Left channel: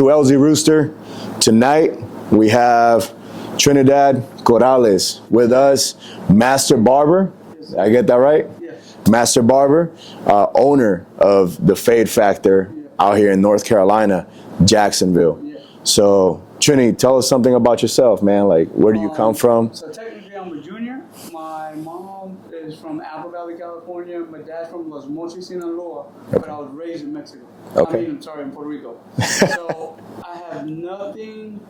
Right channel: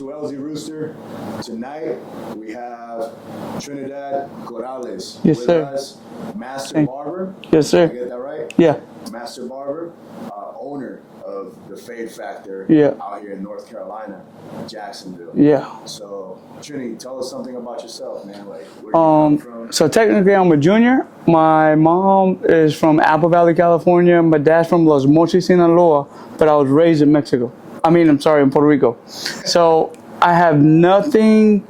to LZ Rooster. Tonight we have Trinidad Corrales with us, Master Barber. Yes, sir. Did I get that right? Yeah. Master Barber, owner of the Fade Factor out here in North Carolina, Jacksonville. Yeah. So, Trini, tell us something about yourself, man. Like, where do you come from? So technically, I'm a junior. My mom is from Apple Valley, California. My dad's from Los Mochis, Sinaloa, but I was raised in Mexico. Okay. I'm sorry, in Puerto Rico. So I have nothing,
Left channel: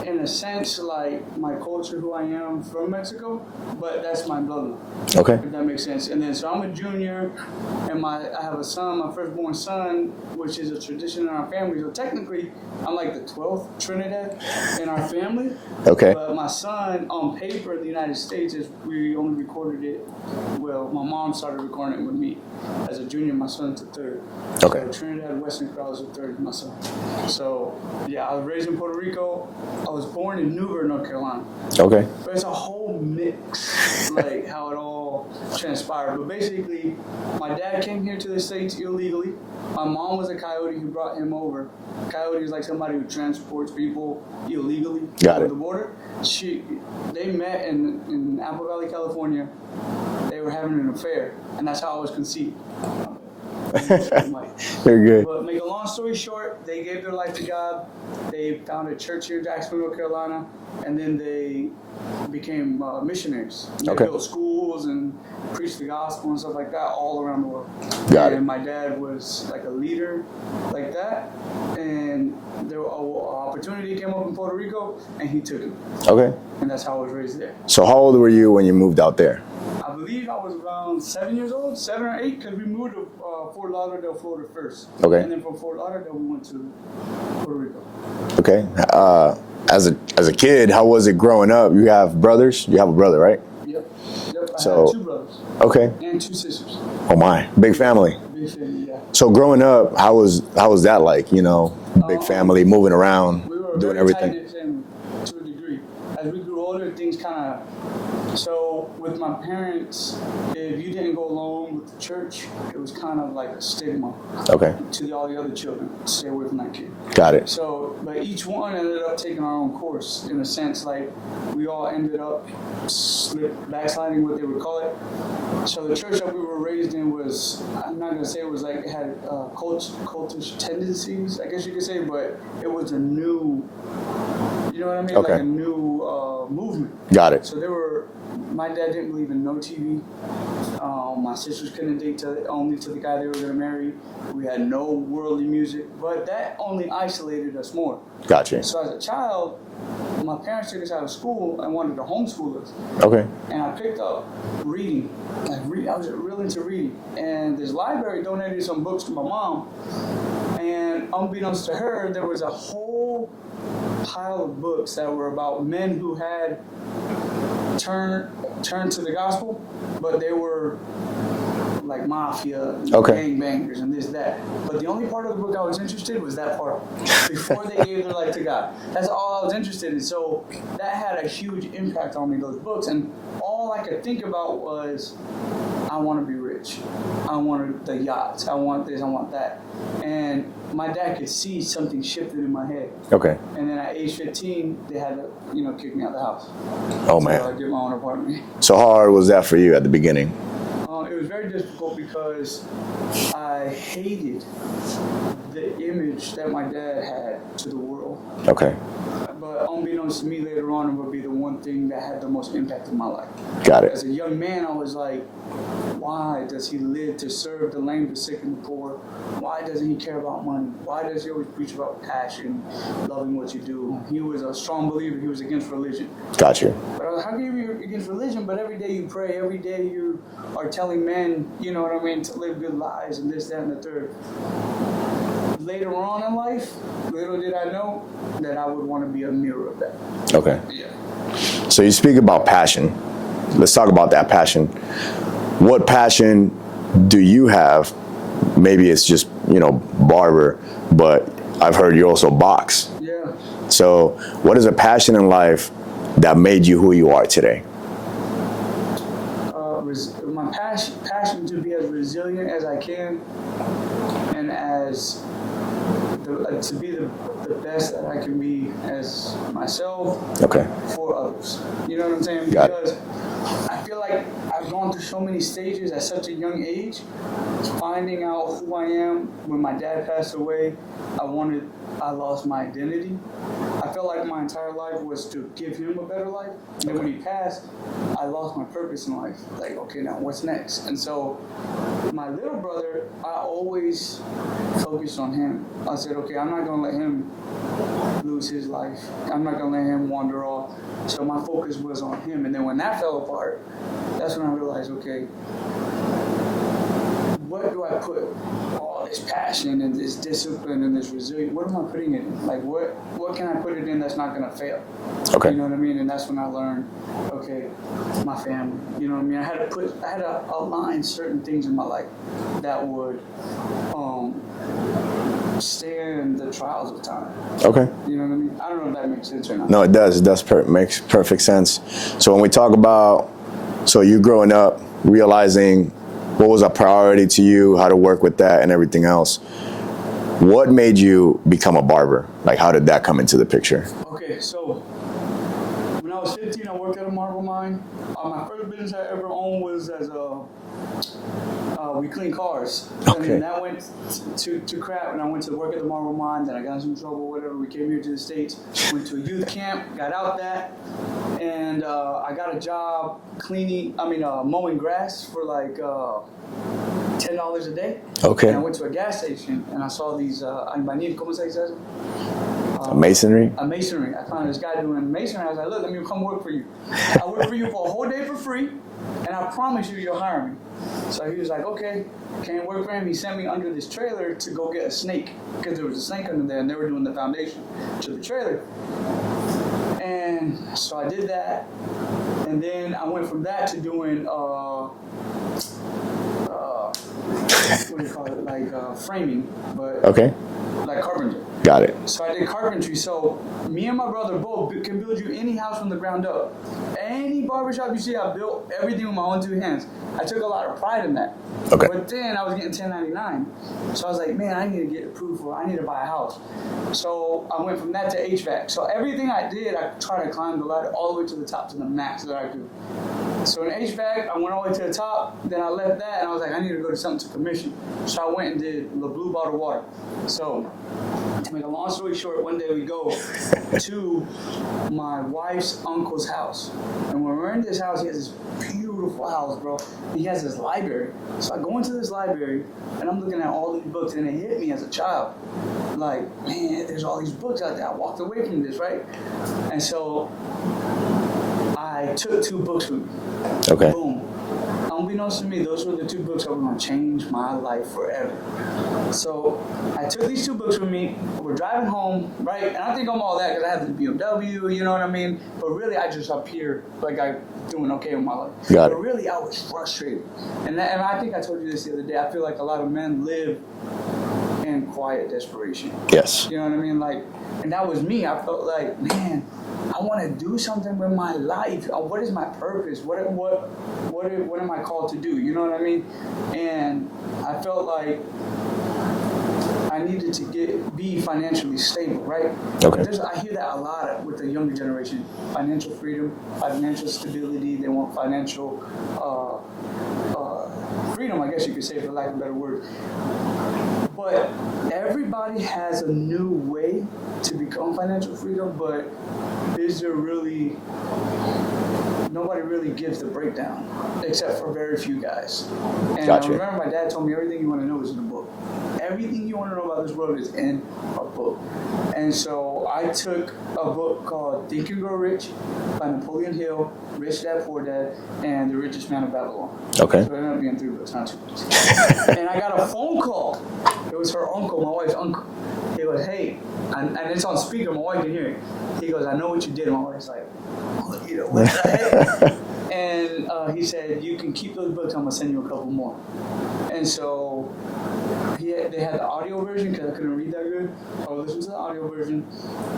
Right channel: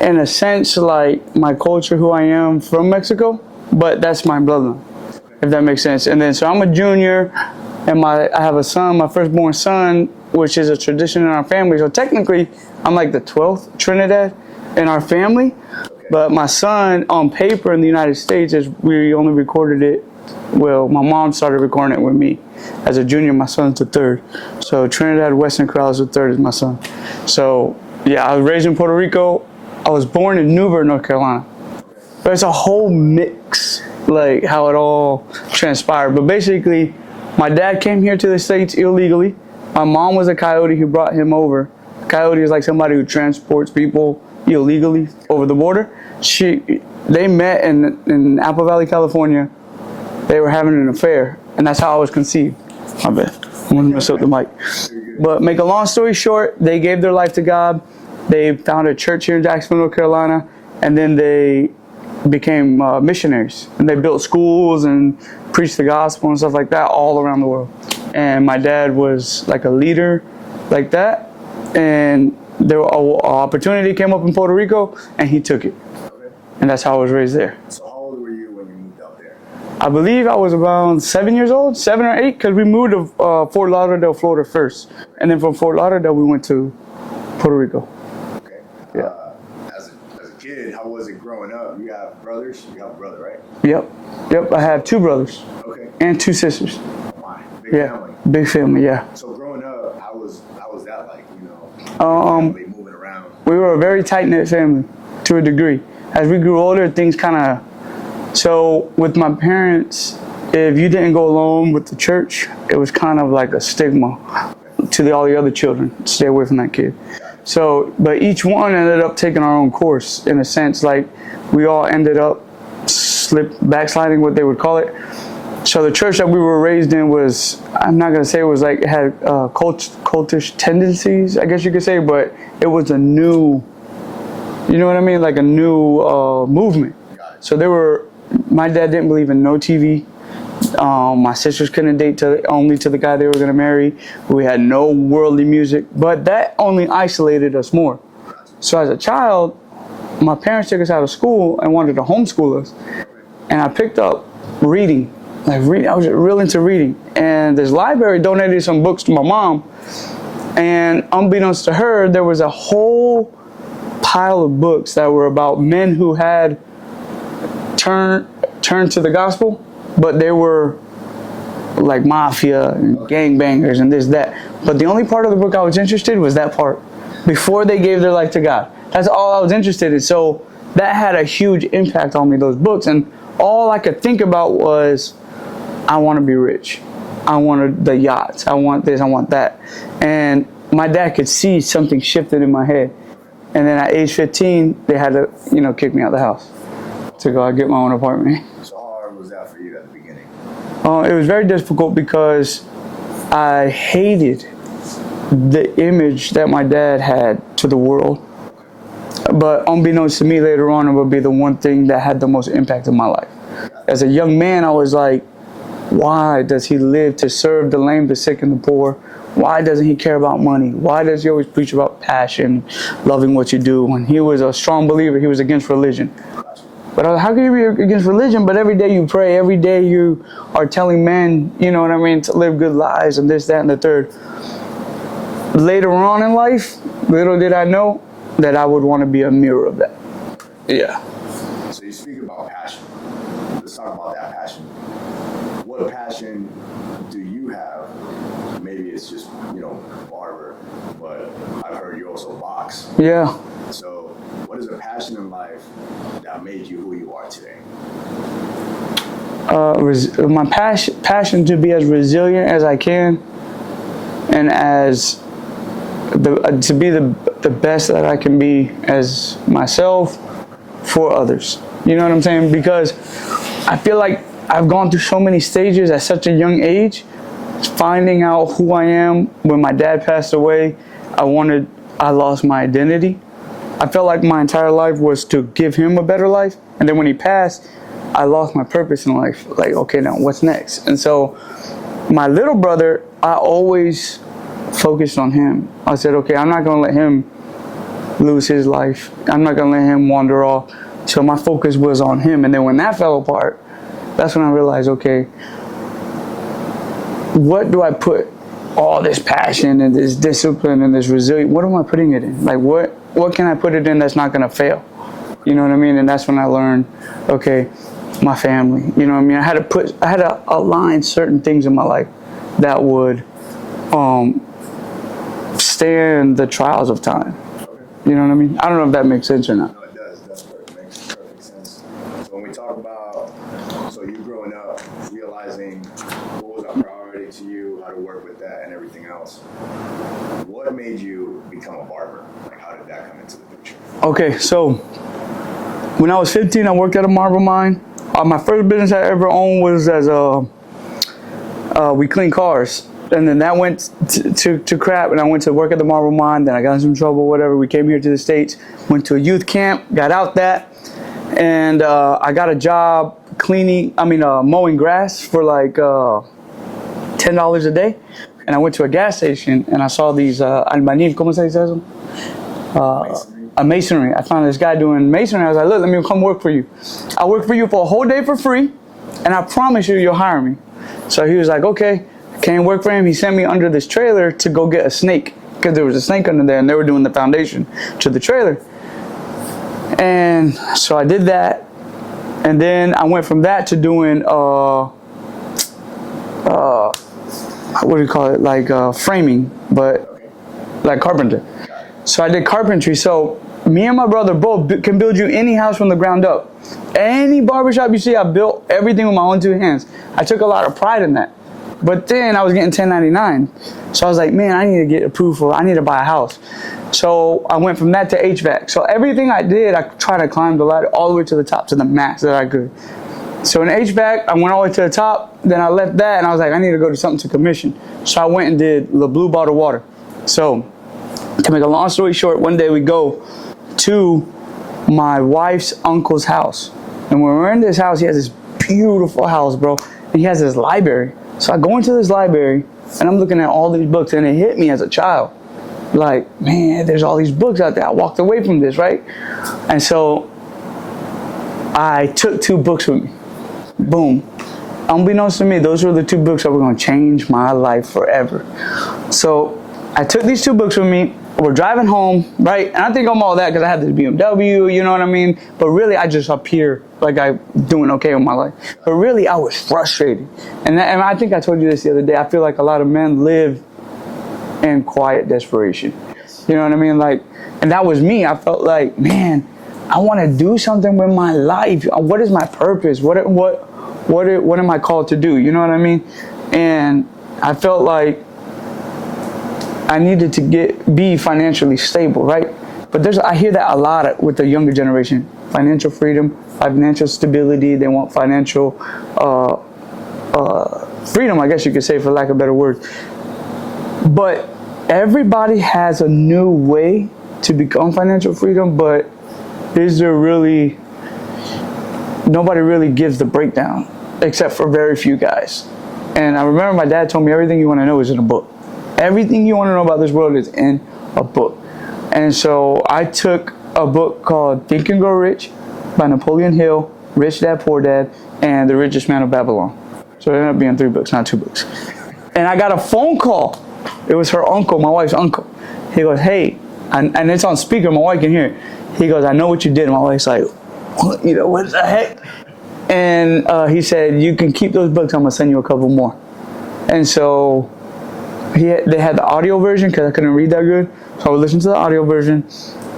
in a sense, like my culture, who I am from Mexico, but that's my bloodline. Okay. If that makes sense. And then, so I'm a junior, and I have a son, my firstborn son, which is a tradition in our family. So technically, I'm like the 12th Trinidad in our family. Okay. But my son, on paper in the United States, we only recorded it. Well, my mom started recording it with me. As a junior, my son's the third. Okay. So Trinidad Western Corrales the third is my son. So yeah, I was raised in Puerto Rico. I was born in Newburgh, North Carolina. Okay. But it's a whole mix, like how it all transpired. But basically, my dad came here to the States illegally. My mom was a coyote who brought him over. A coyote is like somebody who transports people illegally over the border. They met in Apple Valley, California. They were having an affair, and that's how I was conceived. My bad. I'm gonna mess up the mic. Very good. But make a long story short, they gave their life to God. They founded a church here in Jacksonville, North Carolina, and then they became missionaries. And they built schools and preached the gospel and stuff like that all around the world. And my dad was like a leader like that. And there an opportunity came up in Puerto Rico, and he took it. Okay. And that's how I was raised there. So how old were you when you moved out there? I believe I was around 7 years old, 7 or 8, because we moved to Fort Lauderdale, Florida first. Okay. And then from Fort Lauderdale, we went to Puerto Rico. Okay. As a kid, how was it growing up? You have brothers? You have a brother, right? Yep. I had 2 brothers. Okay. And 2 sisters. Oh my, big family. Big family, yeah. So growing up, how was that like? You know, big family, moving around. We were a very tight-knit family, to a degree. As we grew older, things kind of. So with my parents, if you didn't go along with the church, it was kind of like a stigma. Okay. To all the other children, stay away from that kid. Got it. So, but each one ended up taking our own course, in a sense. Like we all ended up backsliding, what they would call it. So the church that we were raised in was, I'm not gonna say it was like, it had cultish tendencies, I guess you could say, but it was a new, you know what I mean? Like a new movement. Got it. So my dad didn't believe in no TV. My sisters couldn't date only to the guy they were gonna marry. We had no worldly music, but that only isolated us more. Gotcha. So as a child, my parents took us out of school and wanted to homeschool us. Okay. And I picked up reading. I was real into reading. And this library donated some books to my mom. And unbeknownst to her, there was a whole pile of books that were about men who had turned to the gospel, but they were like mafia and gangbangers and this, that. But the only part of the book I was interested in was that part, before they gave their life to God. That's all I was interested in. So that had a huge impact on me, those books. And all I could think about was, I want to be rich. I wanted the yachts. I want this, I want that. And my dad could see something shifted in my head. Okay. And then at age 15, they had to, kick me out of the house. Oh, man. Go get my own apartment. So how hard was that for you at the beginning? It was very difficult because I hated the image that my dad had to the world. Okay. But unbeknownst to me, later on, it would be the one thing that had the most impact in my life. Got it. As a young man, I was like, why does he live to serve the lame, the sick, and the poor? Why doesn't he care about money? Why does he always preach about passion, loving what you do? When he was a strong believer, he was against religion. Got you. But how can you be against religion, but every day you pray, every day you are telling men, you know what I mean, to live good lives and this, that, and the third. Later on in life, little did I know that I would want to be a mirror of that. Okay. Yeah. So you speak about passion. Let's talk about that passion. What passion do you have? Maybe it's just, barber, but I've heard you also box. Yeah. So what is a passion in life that made you who you are today? My passion to be as resilient as I can and as to be the best that I can be as myself for others. You know what I'm saying? Because I feel like I've gone through so many stages at such a young age, finding out who I am. When my dad passed away, I lost my identity. I felt like my entire life was to give him a better life. And then when he passed, I lost my purpose in life. Like, okay, now what's next? And so my little brother, I always focused on him. I said, okay, I'm not going to let him lose his life. I'm not going to let him wander off. So my focus was on him. And then when that fell apart, that's when I realized, okay, what do I put all this passion and this discipline and this resilience, what am I putting it in? Like, what can I put it in that's not going to fail? Okay. You know what I mean? And that's when I learned, okay, my family. You know what I mean? I had to align certain things in my life that would stand the trials of time. Okay. You know what I mean? I don't know if that makes sense or not. No, it does. It does makes perfect sense. So when we talk about, so you growing up, realizing what was a priority to you, how to work with that and everything else, what made you become a barber? Like, how did that come into the picture? Okay, so when I was 15, I worked at a marble mine. My first business I ever owned was as we clean cars. Okay. And then that went to crap, and I went to work at the marble mine. Then I got in some trouble, whatever. We came here to the States, went to a youth camp, got out that, and I got a job mowing grass for like $10 a day. Okay. And I went to a gas station, and I saw these albañil, ¿cómo se dice eso? Masonry? A masonry. I found this guy doing masonry. I was like, look, let me come work for you. I'll work for you for a whole day for free, and I promise you'll hire me. So he was like, okay. Came work for him. He sent me under this trailer to go get a snake, because there was a snake under there, and they were doing the foundation to the trailer. And so I did that, and then I went from that to doing what do you call it? Like framing, but like carpenter. Got it. So I did carpentry. So me and my brother both can build you any house from the ground up. Any barbershop you see, I built everything with my own two hands. I took a lot of pride in that. Okay. But then I was getting 1099. So I was like, man, I need to get approved for, I need to buy a house. So I went from that to HVAC. So everything I did, I tried to climb the ladder all the way to the top, to the max that I could. So in HVAC, I went all the way to the top. Then I left that, and I was like, I need to go to something to commission. So I went and did the blue bottled water. So to make a long story short, one day we go to my wife's uncle's house. And when we're in this house, he has this beautiful house, bro. And he has this library. So I go into this library, and I'm looking at all these books, and it hit me as a child. Like, man, there's all these books out there. I walked away from this, right? And so I took 2 books with me. Okay. Boom. Unbeknownst to me, those were the 2 books that were going to change my life forever. So I took these 2 books with me. We're driving home, right? And I think I'm all that because I have this BMW, you know what I mean? But really, I just up here, like I'm doing okay with my life. But really, I was frustrated. And I think I told you this the other day. I feel like a lot of men live in quiet desperation. Yes. You know what I mean? Like, and that was me. I felt like, man, I want to do something with my life. What is my purpose? What am I called to do? You know what I mean? And I felt like I needed to be financially stable, right? Okay. But I hear that a lot with the younger generation. Financial freedom, financial stability. They want financial freedom, I guess you could say, for lack of a better word. But everybody has a new way to become financial freedom, but nobody really gives the breakdown, except for very few guys. And I remember my dad told me everything you want to know is in a book. Everything you want to know about this world is in a book. And so I took a book called Think and Grow Rich by Napoleon Hill, Rich Dad, Poor Dad, and The Richest Man of Babylon. Okay. So it ended up being 3 books, not 2 books. And I got a phone call. It was her uncle, my wife's uncle. He goes, hey, and it's on speaker, my wife can hear it. He goes, I know what you did. And my wife's like, what? You know, what the heck? And he said, you can keep those books. I'm going to send you a couple more. And so they had the audio version because I couldn't read that good. So I would listen to the audio version.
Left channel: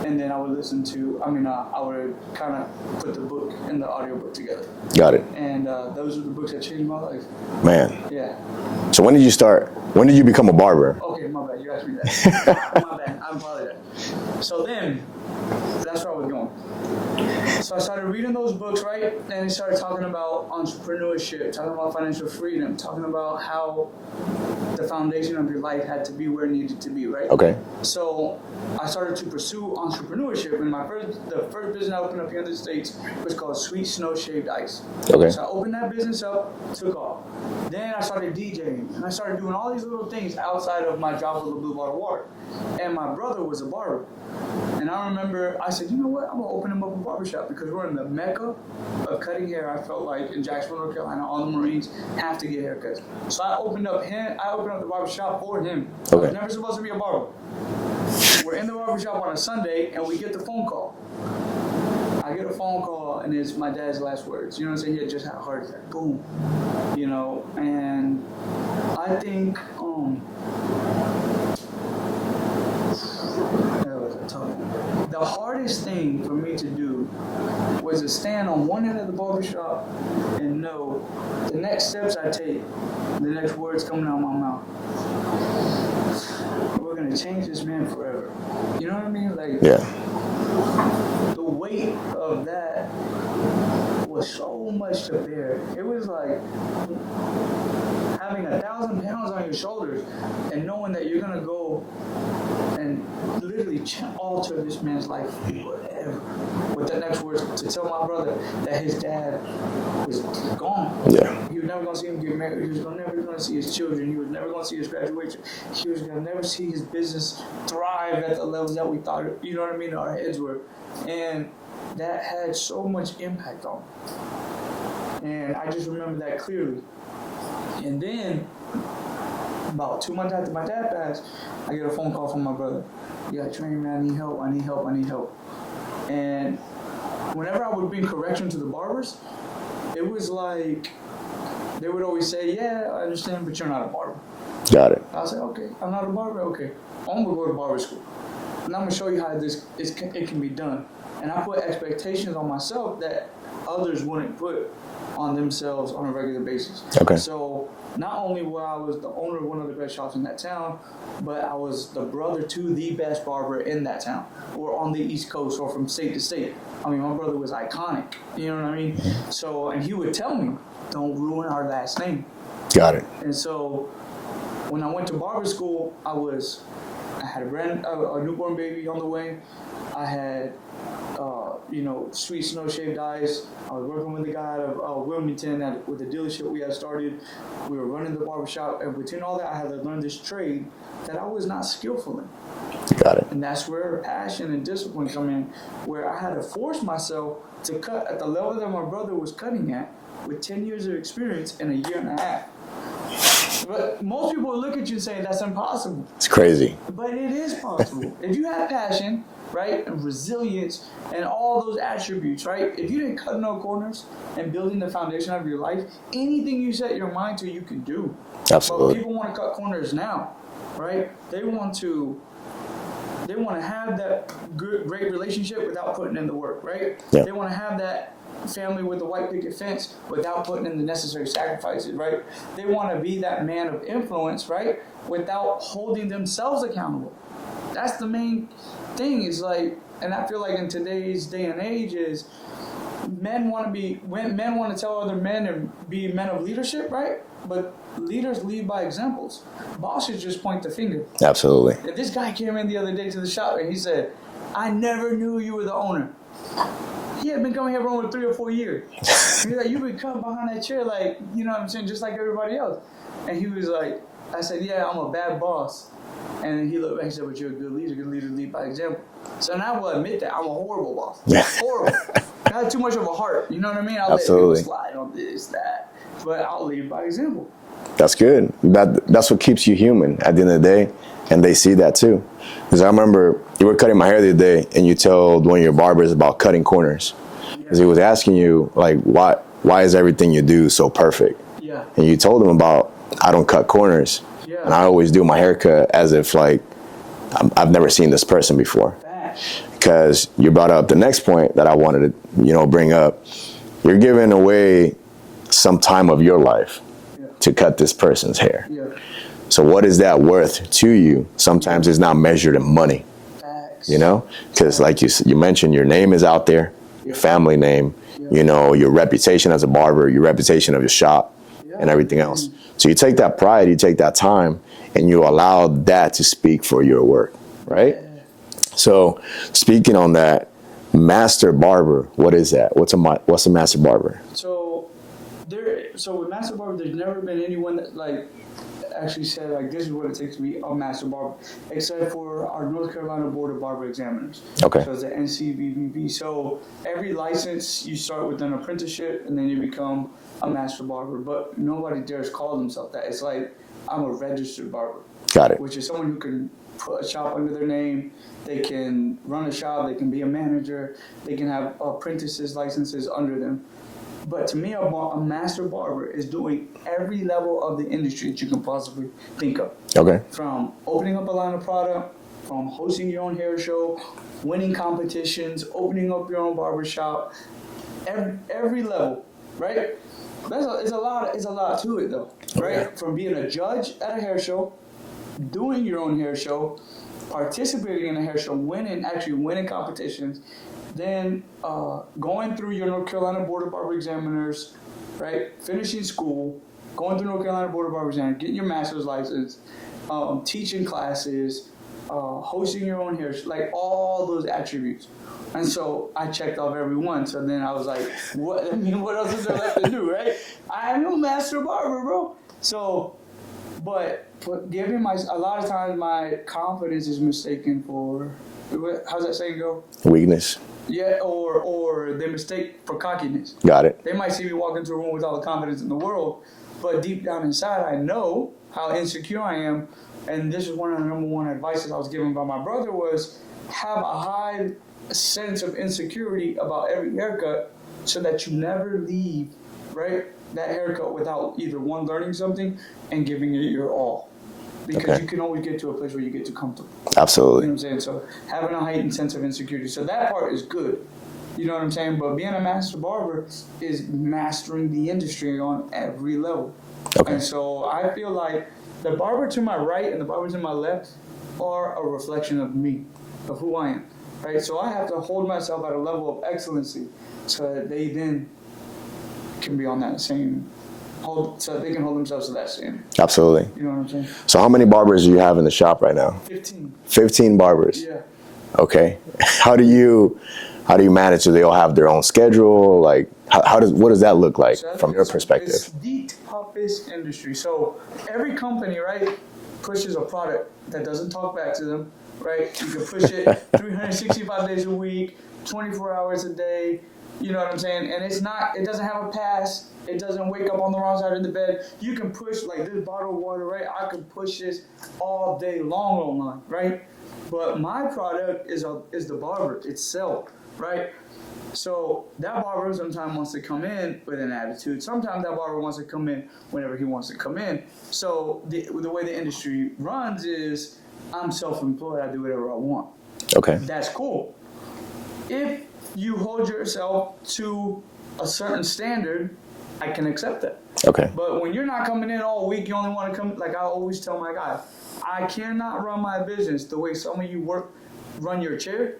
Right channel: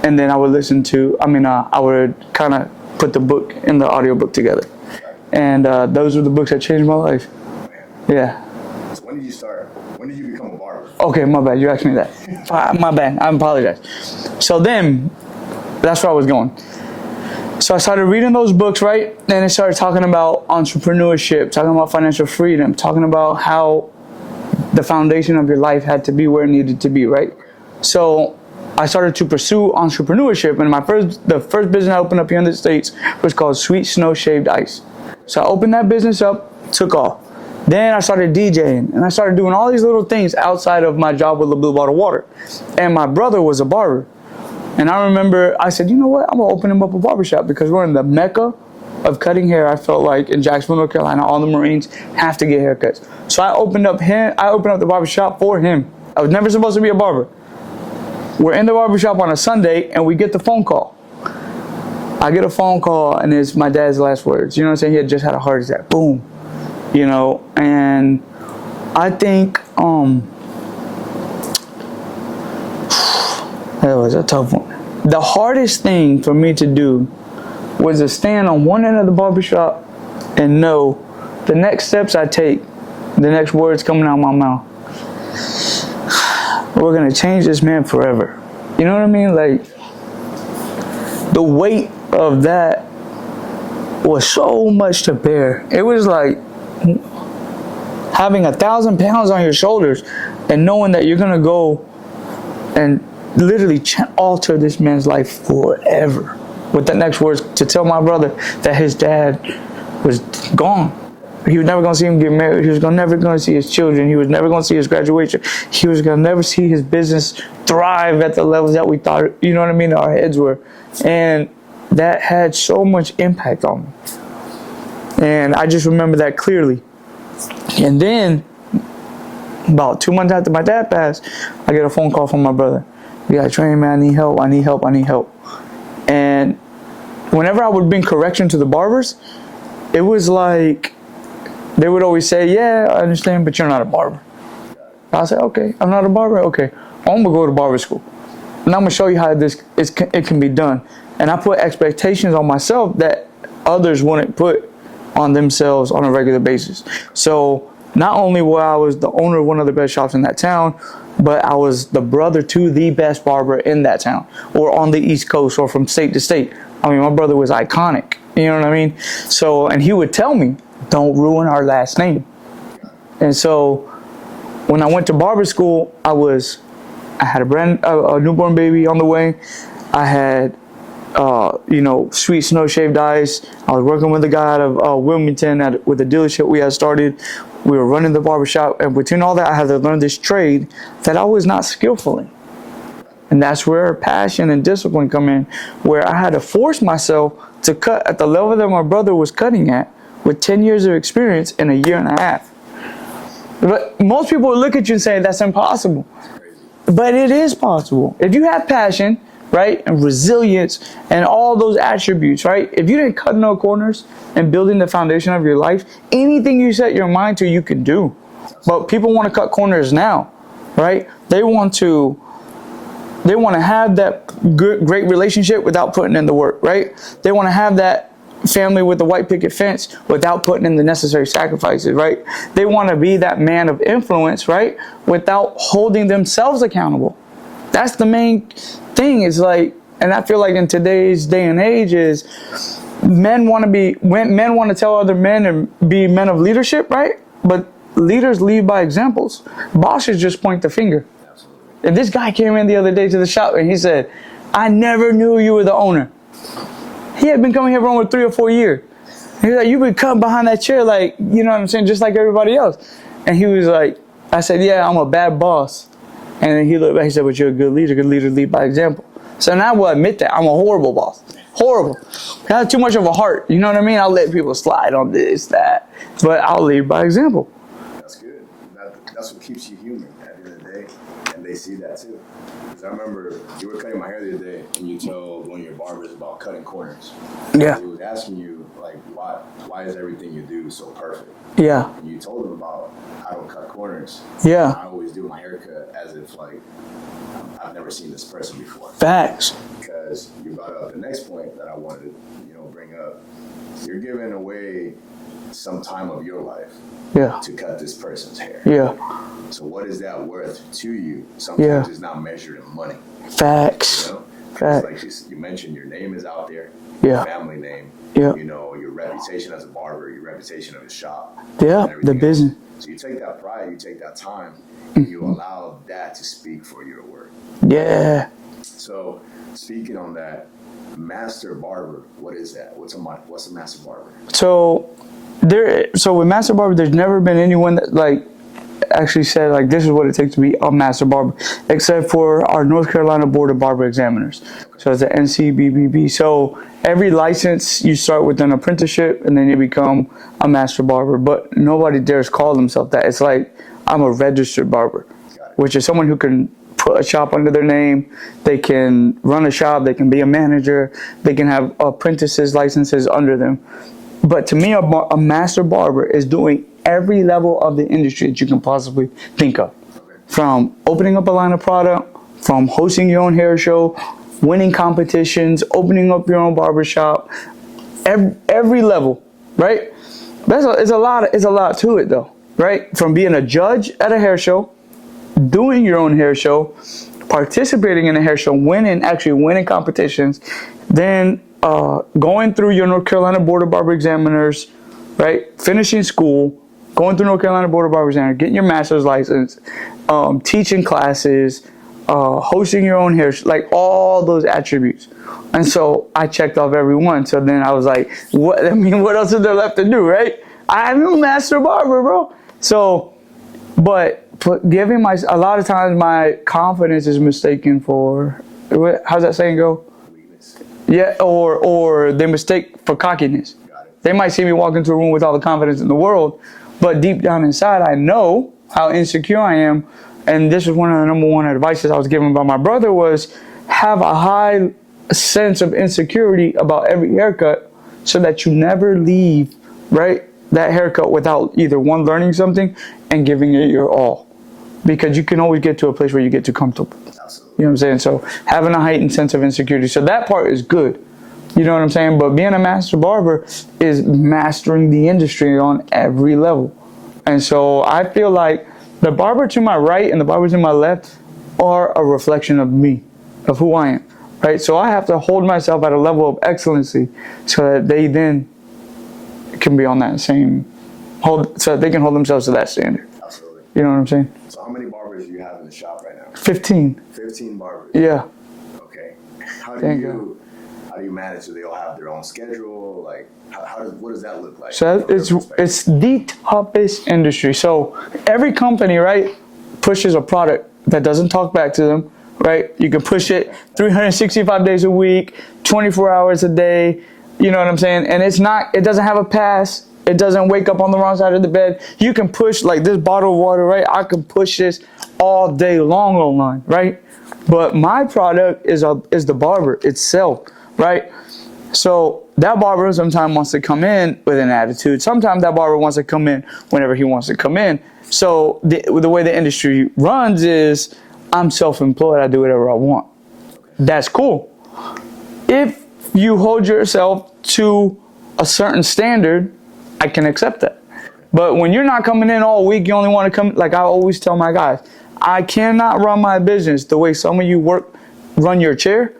And then I would I would kind of put the book in the audio book together. Got it. And those were the books that changed my life. Man. Yeah. So when did you start When did you become a barber? Okay, my bad. You asked me that. My bad. I apologize. So then, that's where I was going. So I started reading those books, right? And it started talking about entrepreneurship, talking about financial freedom, talking about how the foundation of your life had to be where it needed to be, right? Okay. So I started to pursue entrepreneurship, and the first business I opened up here in the States was called Sweet Snow Shaved Ice. Okay. So I opened that business up, took off. Then I started DJing, and I started doing all these little things outside of my job with the Blue Bottle Water. And my brother was a barber. And I remember I said, you know what, I'm gonna open him up a barbershop because we're in the mecca of cutting hair. I felt like in Jacksonville, North Carolina, all the Marines have to get haircuts. So I opened up the barbershop for him. Okay. I was never supposed to be a barber. We're in the barbershop on a Sunday and we get the phone call. I get a phone call and it's my dad's last words. You know what I'm saying? He had just had a heart attack. Boom. You know, and I think that was a tough one. The hardest thing for me to do was to stand on one end of the barbershop and know the next steps I take, the next words coming out of my mouth, we're gonna change this man forever. You know what I mean? Like, yeah. The weight of that was so much to bear. It was like having 1,000 pounds on your shoulders and knowing that you're gonna go and literally alter this man's life forever. With the next words to tell my brother that his dad was gone. Yeah. He was never gonna see him get married. He was never gonna see his children. He was never gonna see his graduation. He was gonna never see his business thrive at the levels that we thought, you know what I mean, our heads were. And that had so much impact on me. And I just remember that clearly. And then, about 2 months after my dad passed, I get a phone call from my brother. We got training, man, I need help. And whenever I would bring correction to the barbers, it was like, they would always say, yeah, I understand, but you're not a barber. Got it. I said, okay, I'm not a barber? Okay, I'm gonna go to barber school. And I'm gonna show you how it can be done. And I put expectations on myself that others wouldn't put on themselves on a regular basis. Okay. So not only was I the owner of one of the best shops in that town, but I was the brother to the best barber in that town, or on the East Coast, or from state to state. I mean, my brother was iconic. You know what I mean? Mm-hmm. So, and he would tell me, don't ruin our last name. Got it. And so, when I went to barber school, I had a newborn baby on the way. I had, Sweet Snow Shaved Ice. I was working with a guy out of Wilmington with a dealership we had started. We were running the barbershop, and between all that, I had to learn this trade that I was not skillful in. Got it. And that's where passion and discipline come in, where I had to force myself to cut at the level that my brother was cutting at with 10 years of experience in a year and a half. But most people would look at you and say, that's impossible. It's crazy. But it is possible. If you have passion, right, and resilience, and all those attributes, right, if you didn't cut no corners and building the foundation of your life, anything you set your mind to, you can do. Absolutely. But people want to cut corners now, right? They want to have that great relationship without putting in the work, right? Yeah. They want to have that family with the white picket fence without putting in the necessary sacrifices, right? They want to be that man of influence, right, without holding themselves accountable. That's the main thing. Is like, and I feel like in today's day and age is men want to tell other men and be men of leadership, right? But leaders lead by examples. Bosses just point the finger. Absolutely. And this guy came in the other day to the shop and he said, I never knew you were the owner. He had been coming here for over 3 or 4 years. He's like, you've been cutting behind that chair like, you know what I'm saying, just like everybody else. And he was like, I said, yeah, I'm a bad boss. And then he looked back, he said, but you're a good leader. Good leaders lead by example. So now I will admit that I'm a horrible boss. Horrible. I have too much of a heart. You know what I mean? I'll let people slide on this, that. But I'll lead by example. That's good. That's what keeps you human at the end of the day. And they see that too. Because I remember you were cutting my hair the other day and you told one of your barbers about cutting corners. Yeah. Because he was asking you, like, why is everything you do so perfect? Yeah. And you told him about, I don't cut corners. Yeah. And I always do my haircut as if, like, I've never seen this person before. Facts. Because you brought up the next point that I wanted to, bring up. You're giving away some time of your life to cut this person's hair. Yeah. So what is that worth to you? Sometimes it's not measured in money. Facts. You know, because like you mentioned, your name is out there, family name, you know, your reputation as a barber, your reputation of your shop, and everything else. So you take that pride, you take that time, and you allow that to speak for your work. Right? Yeah. So speaking on that, master barber, what is that? What's a master barber? So with master barber, there's never been anyone that like actually said like this is what it takes to be a master barber, except for our North Carolina Board of Barber Examiners. Okay. So it's the NCBBB. So every license you start with an apprenticeship and then you become a master barber, but nobody dares call themselves that. It's like I'm a registered barber. Got it. Which is someone who can put a shop under their name. They can run a shop. They can be a manager. They can have apprentices licenses under them. But to me, a master barber is doing every level of the industry that you can possibly think of. Okay. From opening up a line of product, from hosting your own hair show, winning competitions, opening up your own barber shop, every level, right? It's a lot to it though, right? From being a judge at a hair show, doing your own hair show, participating in a hair show, actually winning competitions, then going through your North Carolina Board of Barber Examiners, right? Finishing school, going through North Carolina Board of Barber Examiners, getting your master's license, teaching classes, hosting your own hair, like all those attributes. And so I checked off every one. So then I was like, what else is there left to do, right? I'm a master barber, bro. So, but giving a lot of times my confidence is mistaken for, how's that saying go? Weakness. Yeah, or they mistake for cockiness. Got it. They might see me walk into a room with all the confidence in the world, but deep down inside, I know how insecure I am. And this is one of the number one advices I was given by my brother was have a high sense of insecurity about every haircut so that you never leave, right, that haircut without either one, learning something and giving it your all. Because you can always get to a place where you get too comfortable. Absolutely. You know what I'm saying? So having a heightened sense of insecurity. So that part is good. You know what I'm saying? But being a master barber is mastering the industry on every level. Okay. And so I feel like the barber to my right and the barber to my left are a reflection of me, of who I am. Right? So I have to hold myself at a level of excellency so that they then can be on that same so they can hold themselves to that standard. Absolutely. You know what I'm saying? So how many barbers do you have in the shop right now? 15. 15 barbers? Yeah. Okay. How do you manage? Do they all have their own schedule? Like, what does that look like from your perspective? It's the toughest industry. So every company, right, pushes a product that doesn't talk back to them, right? You can push it 365 days a week, 24 hours a day. You know what I'm saying? And it doesn't have a pass. It doesn't wake up on the wrong side of the bed. You can push like this bottle of water, right? I can push this all day long online, right? But my product is the barber itself, right? So that barber sometimes wants to come in with an attitude. Sometimes that barber wants to come in whenever he wants to come in. So the way the industry runs is I'm self-employed. I do whatever I want. Okay. That's cool. If you hold yourself to a certain standard, I can accept that. Okay. But when you're not coming in all week, you only want to come, like I always tell my guys, I cannot run my business the way some of you run your chair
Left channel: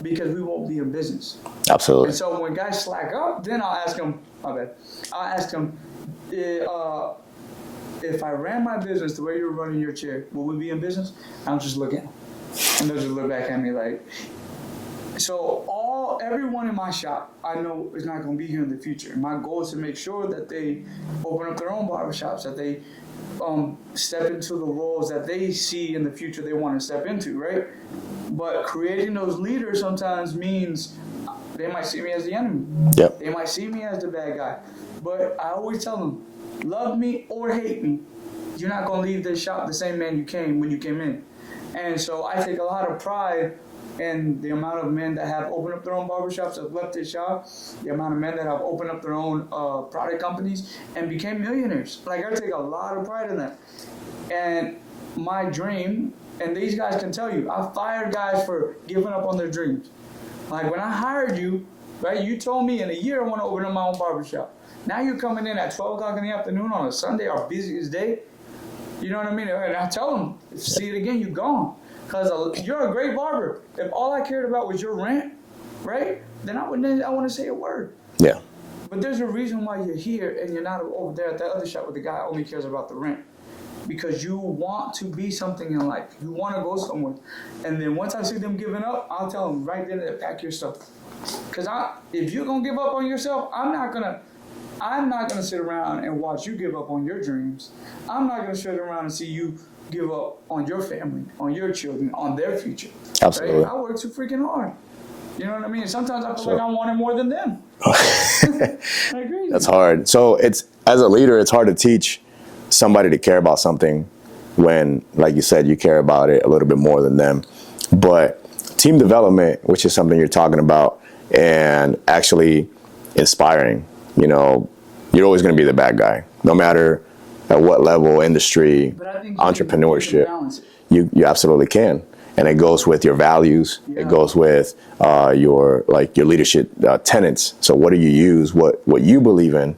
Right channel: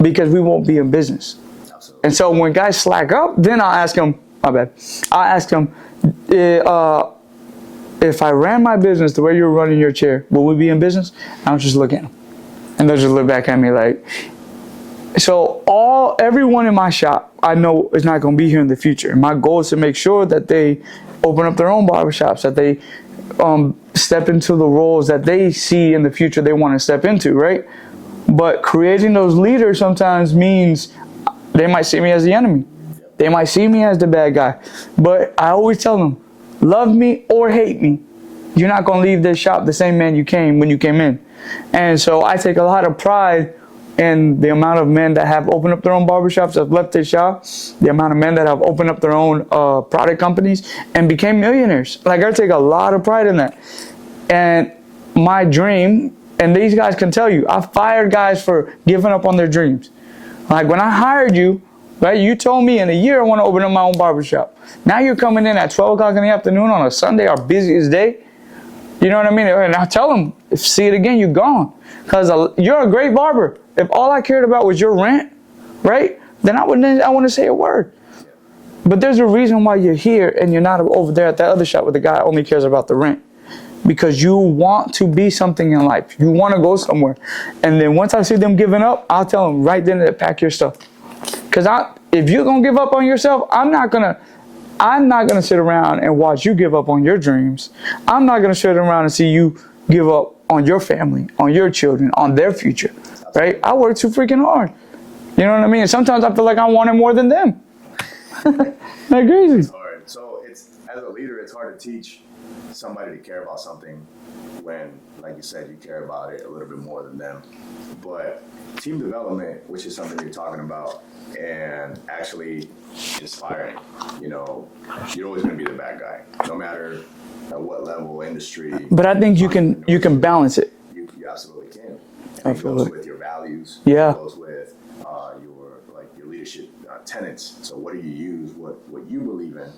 because we won't be in business. Absolutely. And so when guys slack up, then I'll ask them, my bad, I'll ask them, if I ran my business the way you're running your chair, will we be in business? I'll just look at them. And they'll just look back at me like, so everyone in my shop I know is not going to be here in the future. My goal is to make sure that they open up their own barbershops, that they step into the roles that they see in the future they want to step into, right? But creating those leaders sometimes means they might see me as the enemy. Yep. They might see me as the bad guy. But I always tell them, love me or hate me, you're not going to leave this shop the same man you came when you came in. And so I take a lot of pride in the amount of men that have opened up their own barbershops, have left their shop, the amount of men that have opened up their own product companies and became millionaires. Like I take a lot of pride in that. And my dream, and these guys can tell you, I fired guys for giving up on their dreams. Like when I hired you, right, you told me in a year I want to open up my own barbershop. Now you're coming in at 12 o'clock in the afternoon on a Sunday, our busiest day, You know what I mean? And I tell them, if see it again, you're gone. Because you're a great barber. If all I cared about was your rent, right? Then I wouldn't say a word. Yeah. But there's a reason why you're here and you're not over there at that other shop where the guy only cares about the rent. Because you want to be something in life. You want to go somewhere. And then once I see them giving up, I'll tell them right then to pack your stuff. Because if you're going to give up on yourself, I'm not going to sit around and watch you give up on your dreams. I'm not going to sit around and see you give up on your family, on your children, on their future. Absolutely. Right? I work too freaking hard. You know what I mean? And sometimes I feel like I want it more than them. Like crazy. It's hard. So as a leader, it's hard to teach somebody to care about something when, like you said, you care about it a little bit more than them. But team development, which is something you're talking about, and actually inspiring, you're always going to be the bad guy, no matter at what level, industry. But I think you can balance it. You absolutely can. And it goes with your values. Yeah. It goes with your leadership tenets. So what do you use? What you believe in,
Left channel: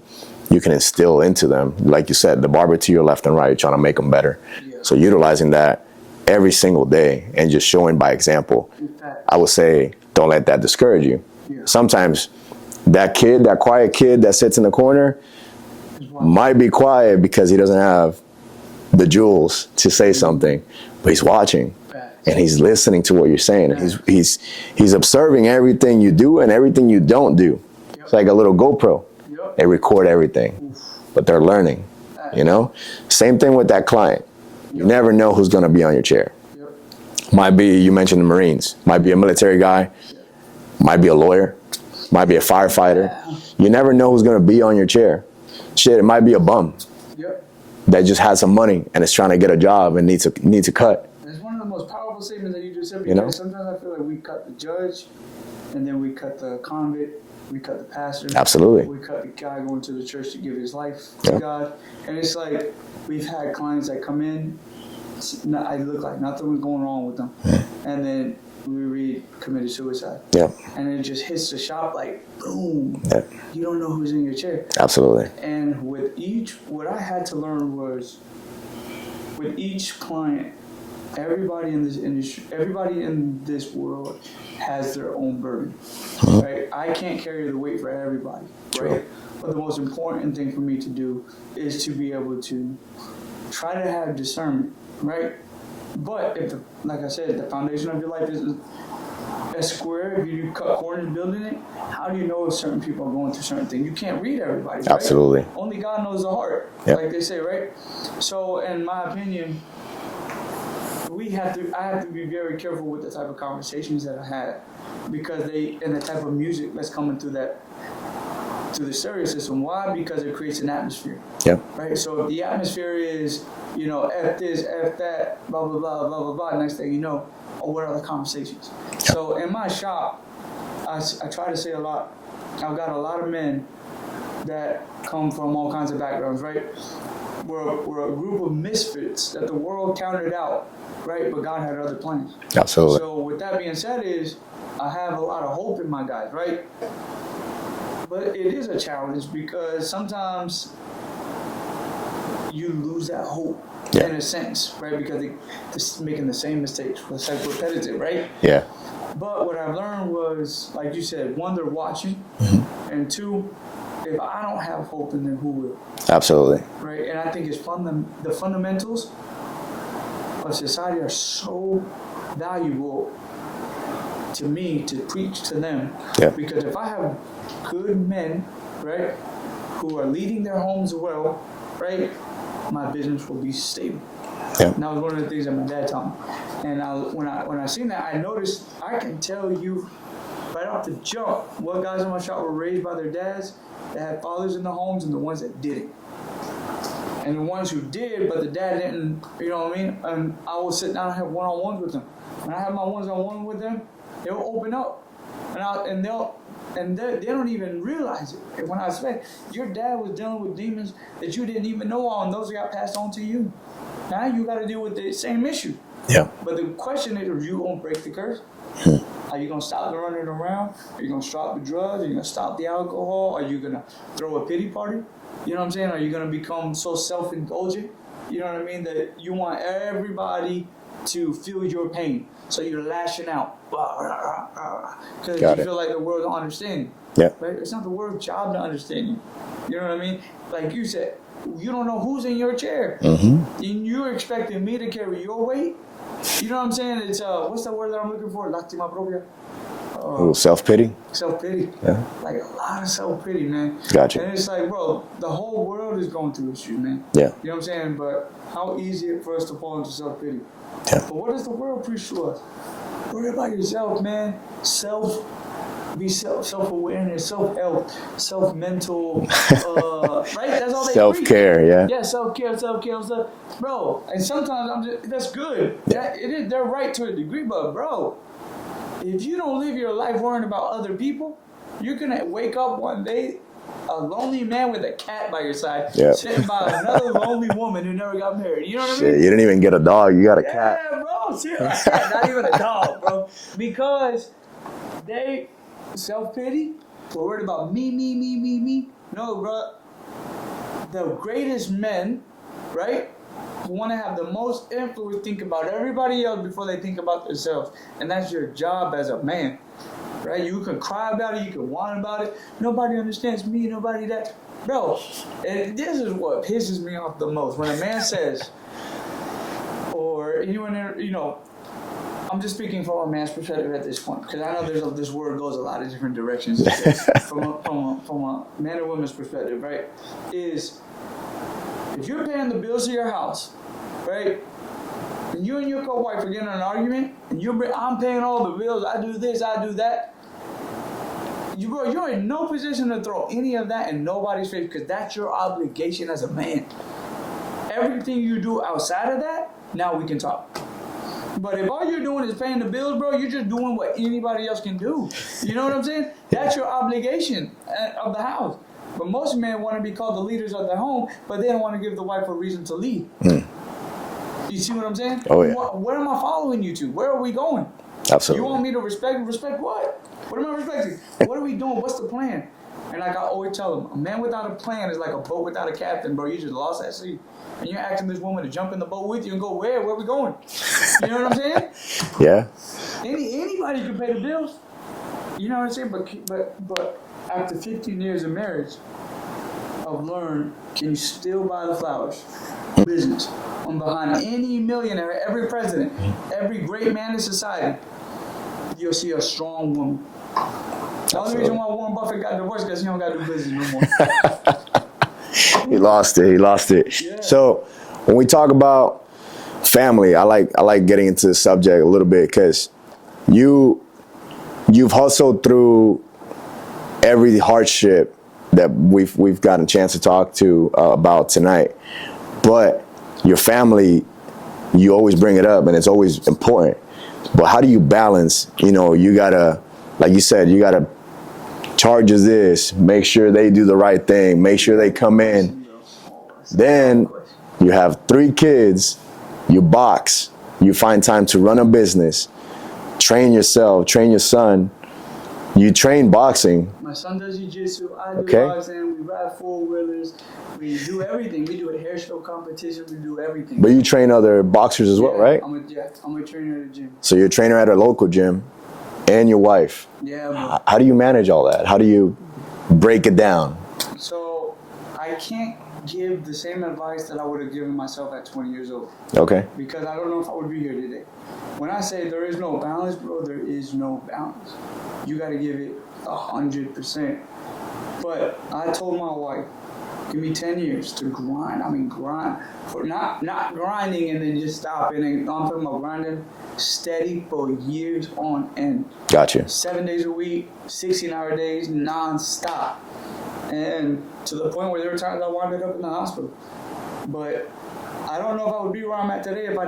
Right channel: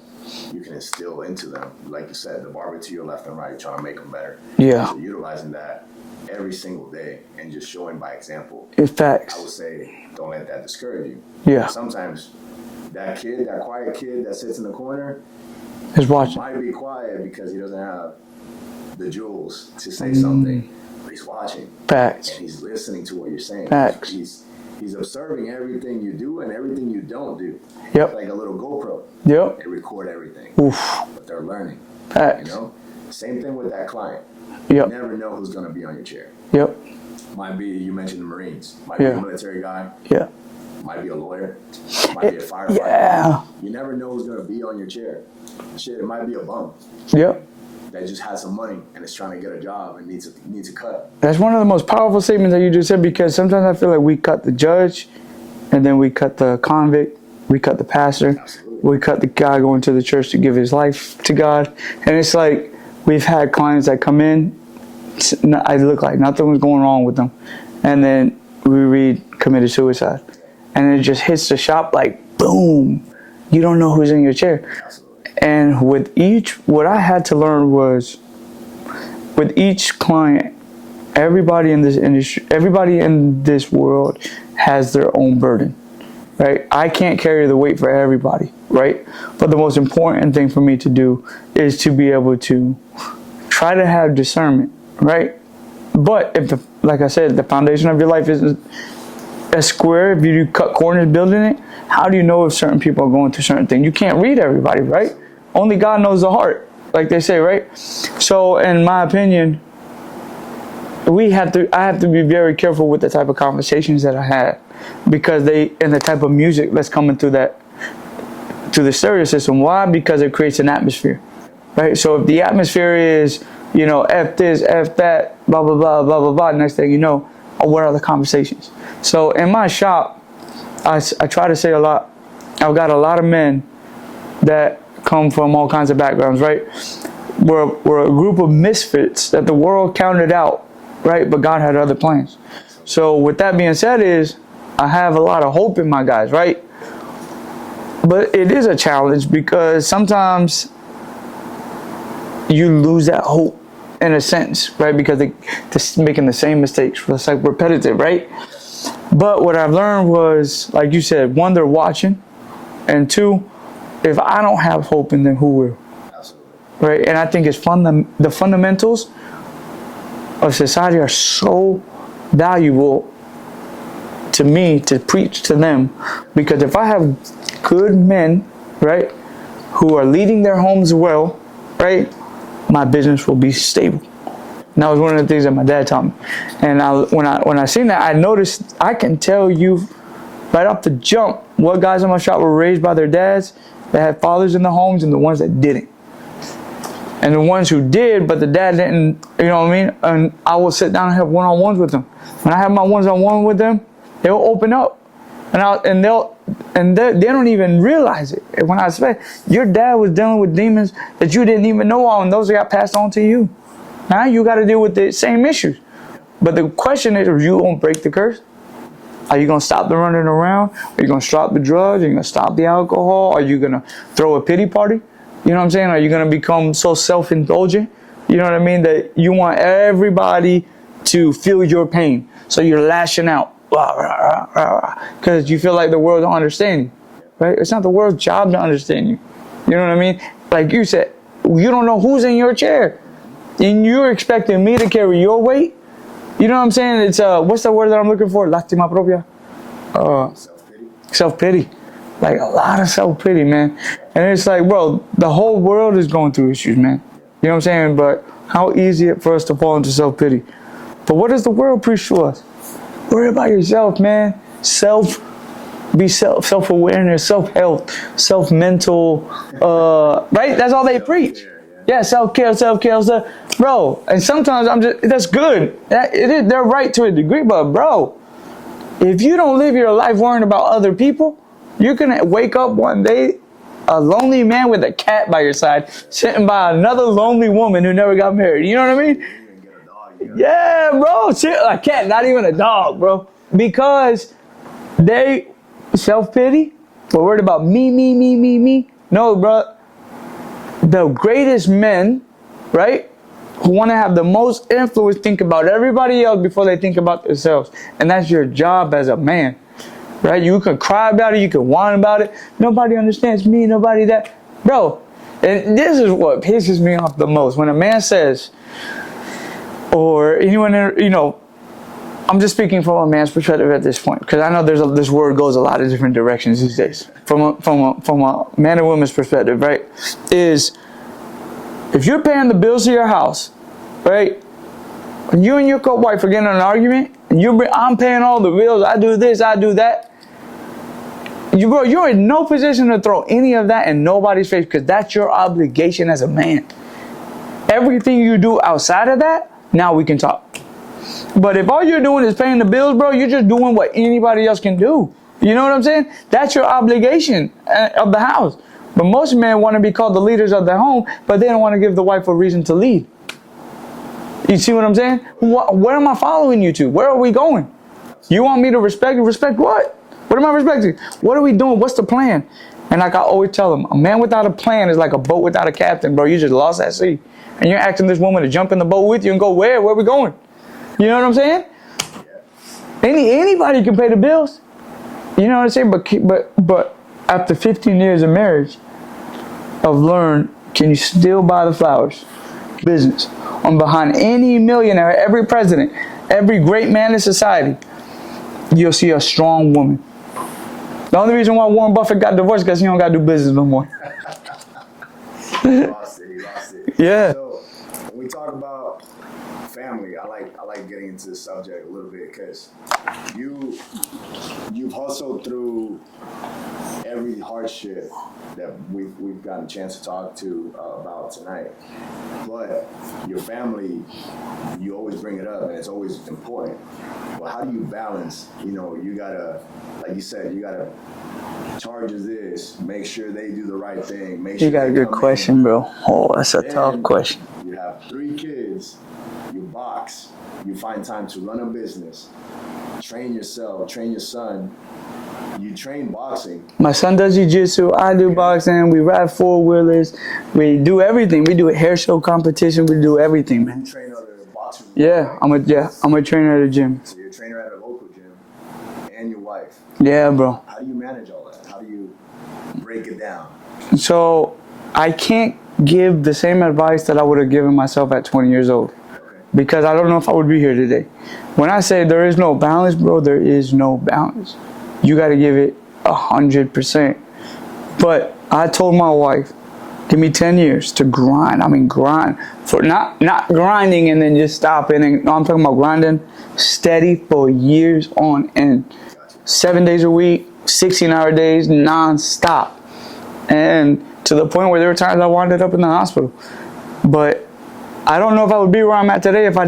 you can instill into them. Like you said, the barber to your left and right, trying to make them better. Yeah. So utilizing that every single day and just showing by example. In fact, I would say, don't let that discourage you. Yeah. Sometimes that quiet kid that sits in the corner might be quiet because he doesn't have the jewels to say something. But he's watching. Facts. And he's listening to what you're saying. He's observing everything you do and everything you don't do. Yep. It's like a little GoPro. Yep. They record everything. Oof. But they're learning. Facts. Same thing with that client. Yep. You never know who's going to be on your chair. Yep. Might be, you mentioned the Marines. Might be a military guy. Yeah. Might be a lawyer. Might be a firefighter. Yeah. You never know who's going to be on your chair. Shit, it might be a bum. Yep. That just had some money and is trying to get a job and needs a cut. That's one of the most powerful statements that you just said, because sometimes I feel like we cut the judge, and then we cut the convict, we cut the pastor. Absolutely. We cut the guy going to the church to give his life to God. And it's like we've had clients that come in, I look like nothing was going wrong with them. Yeah. And then we read committed suicide. Yeah. And it just hits the shop like boom. Yeah. You don't know who's in your chair. Absolutely. And what I had to learn was, with each client, everybody in this industry, everybody in this world has their own burden, right? I can't carry the weight for everybody, right? But the most important thing for me to do is to be able to try to have discernment, right? But like I said, the foundation of your life isn't a square. If you cut corners building it, how do you know if certain people are going through certain things? You can't read everybody, right? Absolutely. Only God knows the heart, like they say, right? So, in my opinion, I have to be very careful with the type of conversations that I have, because and the type of music that's coming through the stereo system. Why? Because it creates an atmosphere. Yeah. Right. So if the atmosphere is, F this, F that, blah blah blah blah blah blah. Next thing you know, what are the conversations? Yeah. So in my shop, I try to say a lot. I've got a lot of men that come from all kinds of backgrounds, right? We're a group of misfits that the world counted out, right? But God had other plans. Absolutely. So with that being said, I have a lot of hope in my guys, right? But it is a challenge because sometimes you lose that hope in a sense, right? Because they're making the same mistakes. It's like repetitive, right? Yeah. But what I've learned was, like you said, one, they're watching, and two, if I don't have hope in them, who will? Absolutely. Right? And I think it's the fundamentals of society are so valuable to me to preach to them. Yeah. Because if I have good men, right, who are leading their homes well, right, my business will be stable. Yeah. And that was one of the things that my dad taught me. And when I seen that, I noticed I can tell you right off the jump what guys in my shop were raised by their dads that had fathers in the homes and the ones that didn't. And the ones who did, but the dad didn't, you know what I mean? And I will sit down and have one-on-ones with them. When I have my one-on-one with them, they'll open up. And they don't even realize it. When I say, your dad was dealing with demons that you didn't even know of, and those got passed on to you. Now you got to deal with the same issues. Yeah. But the question is, are you going to break the curse? Are you going to stop the running around? Are you going to stop the drugs? Are you going to stop the alcohol? Are you going to throw a pity party? You know what I'm saying? Are you going to become so self-indulgent You know what I mean? That you want everybody to feel your pain. So you're lashing out. Because you feel like the world don't understand you. Yeah. Right? It's not the world's job to understand you. You know what I mean? Like you said, you don't know who's in your chair. And you're expecting me to carry your weight? You know what I'm saying? It's, what's the word that I'm looking for? Lástima propia. Self-pity? Self-pity. Yeah. Like a lot of self-pity, man. Gotcha. And it's like, bro, the whole world is going through issues, man. Yeah. You know what I'm saying? But how easy it for us to fall into self-pity. Yeah. But what does the world preach to us? Worry about yourself, man. Self-awareness, self-health, self-mental, right? That's all they preach. Self-care, yeah. Yeah, self-care, bro. And sometimes that's good. That it is, they're right to a degree, but bro, if you don't live your life worrying about other people, you're gonna wake up one day a lonely man with a cat by your side, sitting by another lonely woman who never got married. You know what I mean? You didn't even get a dog. You got a cat. Yeah, bro. A cat, not even a dog, bro. Because they self-pity, we're worried about me. No, bro. The greatest men, right, who want to have the most influence think about everybody else before they think about themselves. And that's your job as a man. Right? You can cry about it, you can whine about it. Nobody understands me, nobody that. Bro, and this is what pisses me off the most. When a man says, or anyone, you know, I'm just speaking from a man's perspective at this point, because I know this word goes a lot of different directions these days. from a man and woman's perspective, right? Is if you're paying the bills of your house, right? When you and your co-wife are getting in an argument, and I'm paying all the bills, I do this, I do that. You're in no position to throw any of that in nobody's face, because that's your obligation as a man. Everything you do outside of that, now we can talk. But if all you're doing is paying the bills, bro, you're just doing what anybody else can do. You know what I'm saying? That's your obligation of the house. But most men want to be called the leaders of their home, but they don't want to give the wife a reason to lead. You see what I'm saying? Oh, yeah. Where am I following you to? Where are we going? Absolutely. You want me to respect you? Respect what? What am I respecting? What are we doing? What's the plan? And like I always tell them, a man without a plan is like a boat without a captain, bro. You just lost at sea. And you're asking this woman to jump in the boat with you and go where? Where are we going? You know what I'm saying? Yeah. Anybody can pay the bills. You know what I'm saying? But after 15 years of marriage, I've learned, can you still buy the flowers? Business. I'm behind any millionaire, every president, every great man in society, you'll see a strong woman. The only reason why Warren Buffett got divorced is because he don't got to do business no more. He lost it. Yeah. So when we talk about family, I like getting into the subject a little bit, because you've hustled through every hardship that we've gotten a chance to talk to about tonight. But your family, you always bring it up, and it's always important. But how do you balance? You know, you gotta, like you said, you gotta charges this, make sure they do the right thing, make sure they come in. Bro. Oh, that's a then tough question. You have 3 kids, you box, you find time to run a business, train yourself, train your son. You train boxing. My son does jiu-jitsu, I do boxing, we ride 4-wheelers, we do everything. We do a hair show competition, we do everything. But you train other boxers as well, right? I'm a trainer at a gym. So you're a trainer at a local gym, and your wife. Yeah, bro. How do you manage all that? How do you break it down? So I can't give the same advice that I would have given myself at 20 years old. Okay. Because I don't know if I would be here today. When I say there is no balance, bro, there is no balance. You got to give it 100%. But I told my wife, give me 10 years to grind. I mean, grind for not grinding and then just stopping. And no, I'm talking about grinding steady for years on end. Gotcha. 7 days a week, 16-hour days, non-stop. And to the point where there were times I wound up in the hospital. But I don't know if I would be where I'm at today if I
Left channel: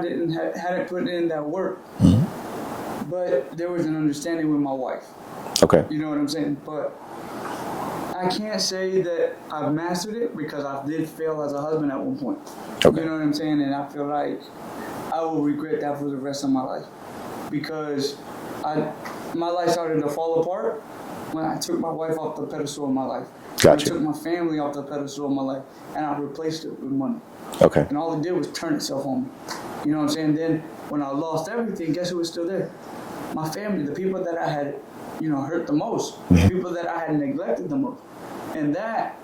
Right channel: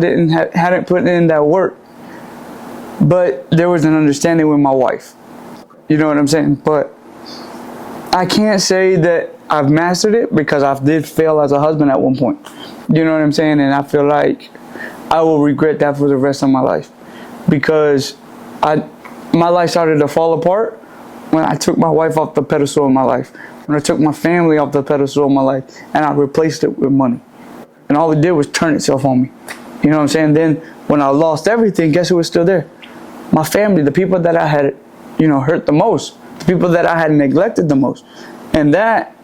hadn't put in that work. Mm-hmm. But there was an understanding with my wife. Okay. You know what I'm saying? But I can't say that I've mastered it, because I did fail as a husband at one point. Okay. You know what I'm saying? And I feel like I will regret that for the rest of my life, because my life started to fall apart when I took my wife off the pedestal of my life. Gotcha. When I took my family off the pedestal of my life, and I replaced it with money. Okay. And all it did was turn itself on me. You know what I'm saying? Then when I lost everything, guess who was still there? My family, the people that I had, hurt the most, the people that I had neglected the most. And that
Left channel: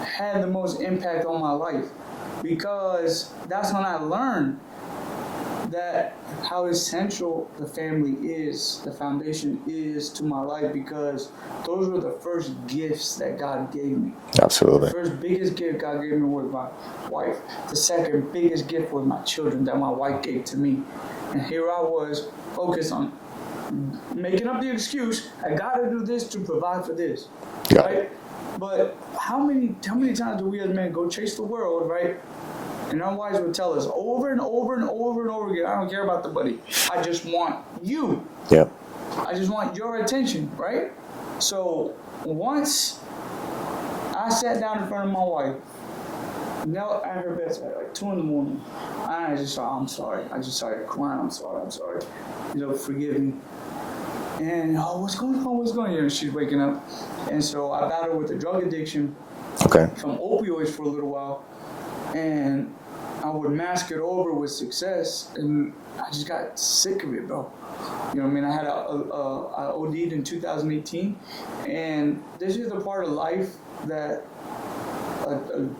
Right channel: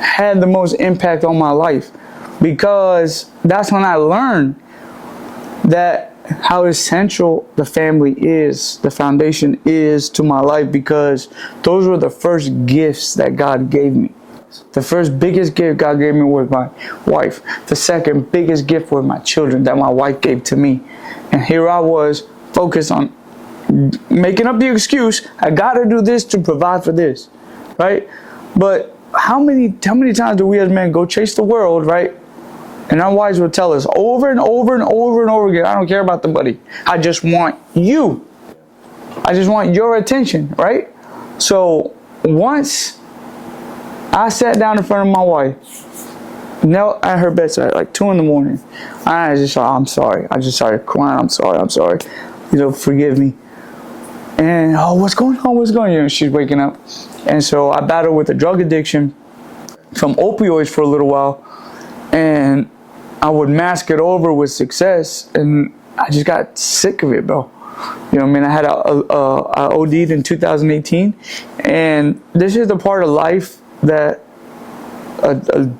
had the most impact on my life, because that's when I learned that how essential the family is, the foundation is to my life, because those were the first gifts that God gave me. Absolutely. The first biggest gift God gave me was my wife. The second biggest gift were my children that my wife gave to me. And here I was focused on making up the excuse, I gotta do this to provide for this, right? But how many times do we as men go chase the world, right? And our wives will tell us over and over and over and over again, I don't care about the money. I just want you. Yeah. I just want your attention, right? So once I sat down in front of my wife, knelt at her bedside like 2 a.m. I just thought, I'm sorry. I just started crying. I'm sorry. Forgive me. And, what's going on? She's waking up. And so I battled with a drug addiction from opioids for a little while. And I would mask it over with success. And I just got sick of it, bro. You know what I mean? I had I OD'd in 2018. And this is the part of life that, a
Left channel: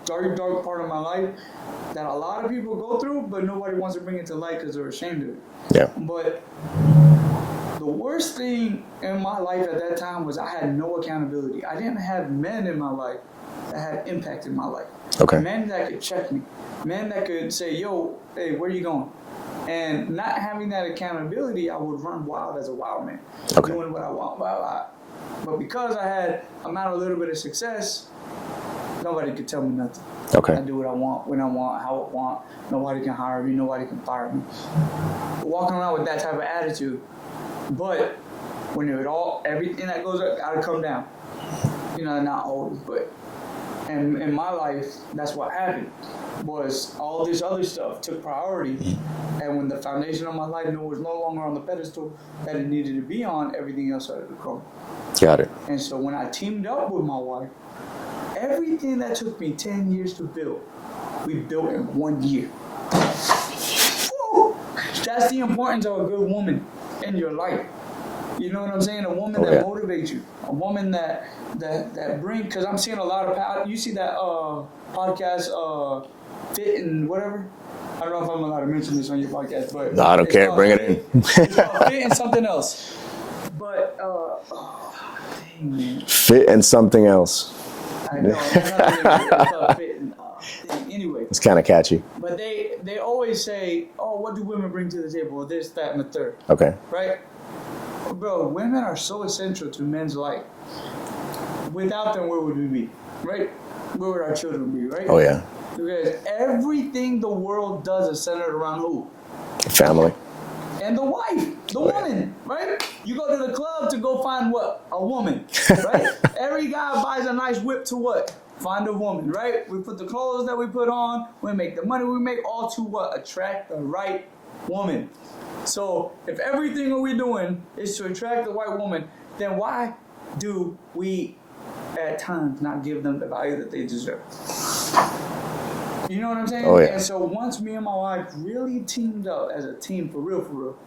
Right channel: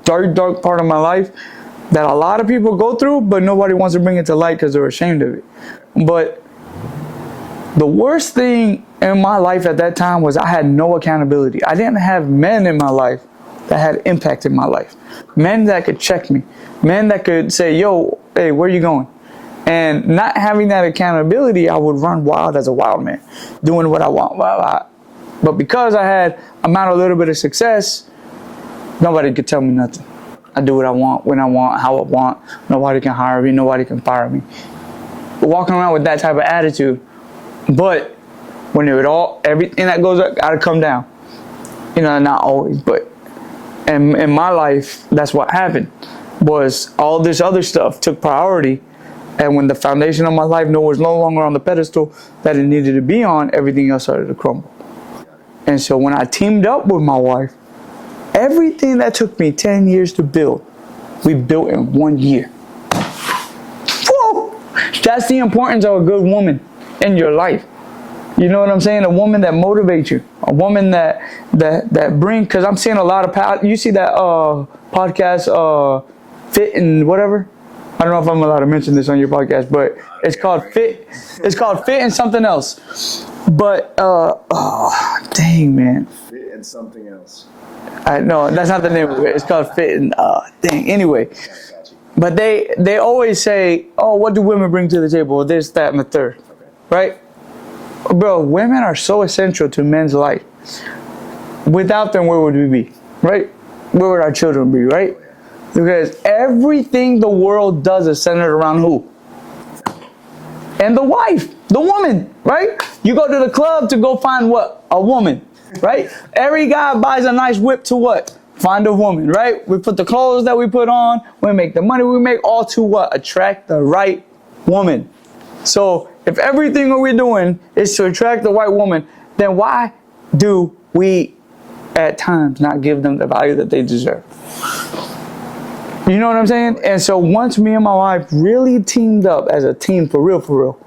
dark part of my life that a lot of people go through, but nobody wants to bring it to light because they're ashamed of it. Yeah. But the worst thing in my life at that time was I had no accountability. I didn't have men in my life that had impacted my life. Okay. Men that could check me. Men that could say, yo, hey, where are you going? And not having that accountability, I would run wild as a wild man, doing what I want. But because I'm at a little bit of success, nobody could tell me nothing. Okay. I do what I want, when I want, how I want. Nobody can hire me. Nobody can fire me. Walking around with that type of attitude. But when everything that goes up got to come down. Not always, but in my life, that's what happened. Was all this other stuff took priority. And when the foundation of my life was no longer on the pedestal that it needed to be on, everything else started to crumble. Got it. And so when I teamed up with my wife, everything that took me 10 years to build, we built in 1 year. Whoa! That's the importance of a good woman in your life. You know what I'm saying? A woman that motivates you. A woman that brings, because I'm seeing a lot of, you see that podcast, Fit and whatever? I don't know if I'm allowed to mention this on your podcast, but no, I don't care. Called Bring Fit. It's called Fit and something else. But, dang, man. Fit and something else. No, that's not the name of it. It's called Fit and, dang. Anyway. It's kind of catchy. But they always say, what do women bring to the table? This, that, and the third. Okay. Right? Bro, women are so essential to men's life. Without them, where would we be? Right? Where would our children be, right? Oh, yeah. Because everything the world does is centered around who? Family. And the wife, the woman, right? You go to the club to go find what? A woman, right? Every guy buys a nice whip to what? Find a woman, right? We put the clothes that we put on, we make the money we make, all to what? Attract the right woman. So if everything that we're doing is to attract the right woman, then why do we at times not give them the value that they deserve? You know what I'm saying? Oh, yeah. And so once me and my wife really teamed up as a team for real,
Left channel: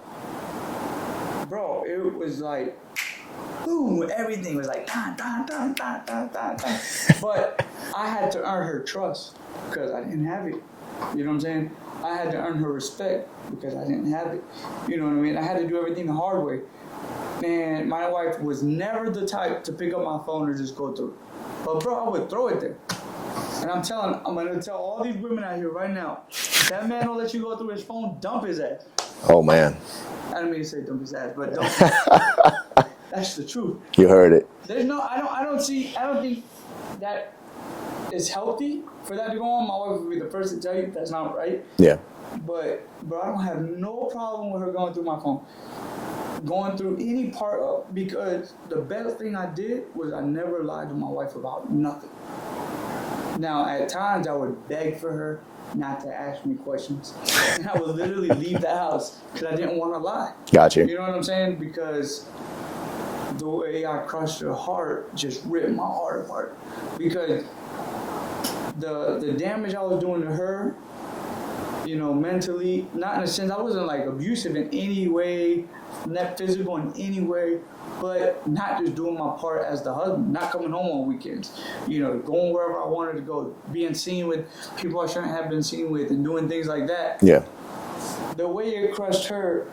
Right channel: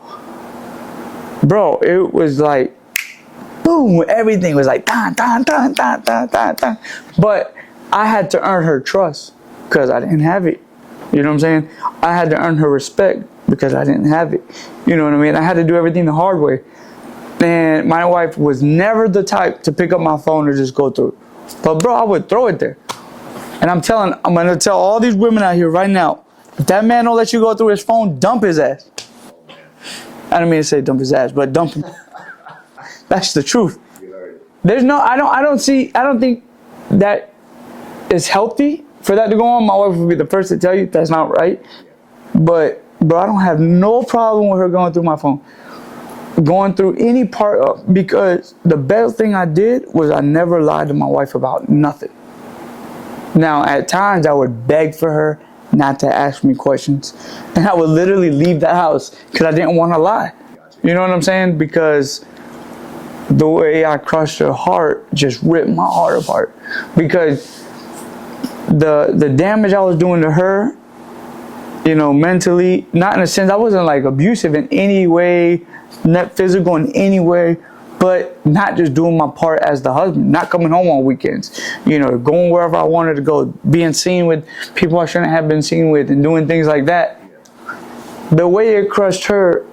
bro, it was like, boom, everything was like, dun, dun, dun, dun, dun, dun, dun. But I had to earn her trust because I didn't have it. You know what I'm saying? I had to earn her respect because I didn't have it. You know what I mean? I had to do everything the hard way. And my wife was never the type to pick up my phone or just go through. But bro, I would throw it there. And I'm going to tell all these women out here right now, if that man don't let you go through his phone, dump his ass. Oh, man. I don't mean to say dump his ass, but dump him. That's the truth. You heard it. I don't think that is healthy for that to go on. My wife would be the first to tell you that's not right. Yeah. But, bro, I don't have no problem with her going through my phone. Going through any part of, because the best thing I did was I never lied to my wife about nothing. Now, at times, I would beg for her not to ask me questions. And I would literally leave the house because I didn't want to lie. Gotcha. You know what I'm saying? Because the way I crushed her heart just ripped my heart apart. Because the damage I was doing to her mentally, not in a sense, I wasn't like abusive in any way, not physical in any way, but not just doing my part as the husband, not coming home on weekends, going wherever I wanted to go, being seen with people I shouldn't have been seen with, and doing things like that. Yeah. The way it crushed her,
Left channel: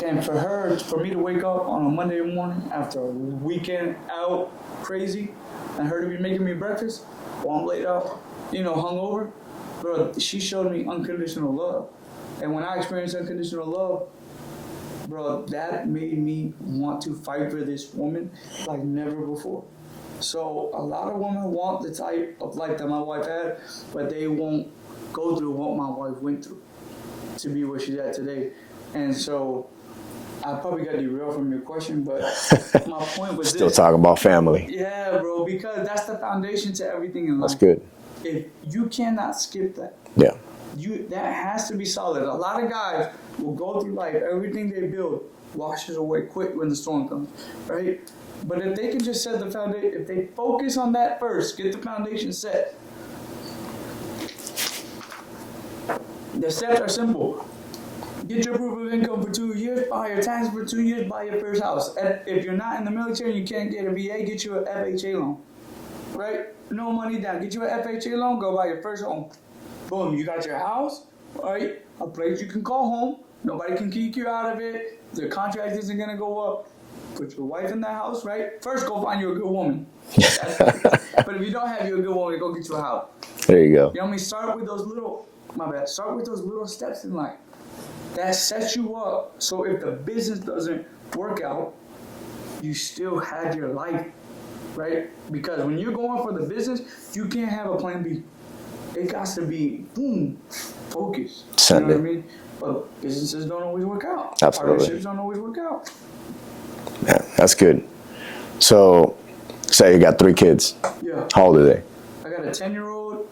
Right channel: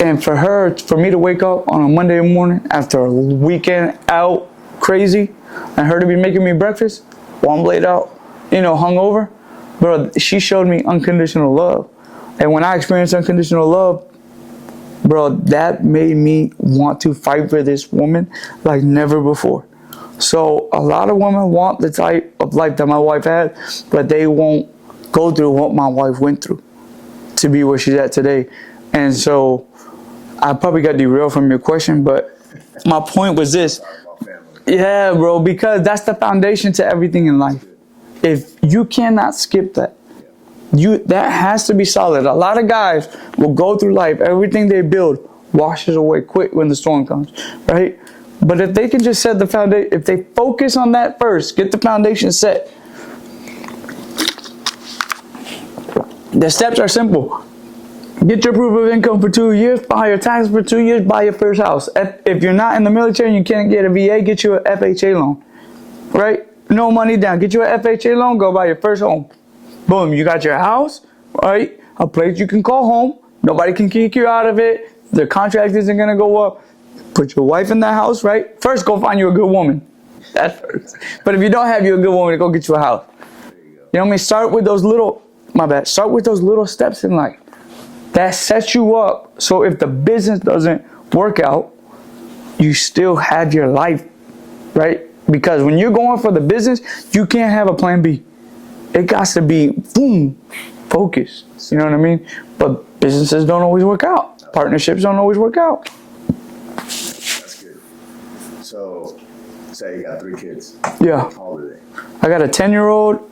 and for me to wake up on a Monday morning after a weekend out crazy, and her to be making me breakfast while I'm laid out, hungover, bro, she showed me unconditional love. And when I experienced unconditional love, bro, that made me want to fight for this woman like never before. So a lot of women want the type of life that my wife had, but they won't go through what my wife went through to be where she's at today. And so I probably got derailed from your question, but my point was this. Still talking about family. Yeah, bro, because that's the foundation to everything in life. That's good. If you cannot skip that, yeah, that has to be solid. A lot of guys will go through life, everything they build washes away quick when the storm comes, right? But if they can just set the foundation, if they focus on that first, get the foundation set. The steps are simple. Get your proof of income for 2 years, file your taxes for 2 years, buy your first house. If you're not in the military and you can't get a VA, get you an FHA loan, right? No money down. Get you an FHA loan, go buy your first home. Boom, you got your house, right? A place you can call home. Nobody can kick you out of it. The contract isn't going to go up. Put your wife in that house, right? First, go find you a good woman. But if you don't have you a good woman, go get you a house. There you go. You know what I mean? Start with those little steps in life. That sets you up so if the business doesn't work out, you still have your life, right? Because when you're going for the business, you can't have a plan B. It got to be, boom, focus. You know what I mean? But businesses don't always work out. Absolutely. Partnerships don't always work out. Yeah, that's good. So, say you got 3 kids. Yeah. How old are they? I got a 10-year-old,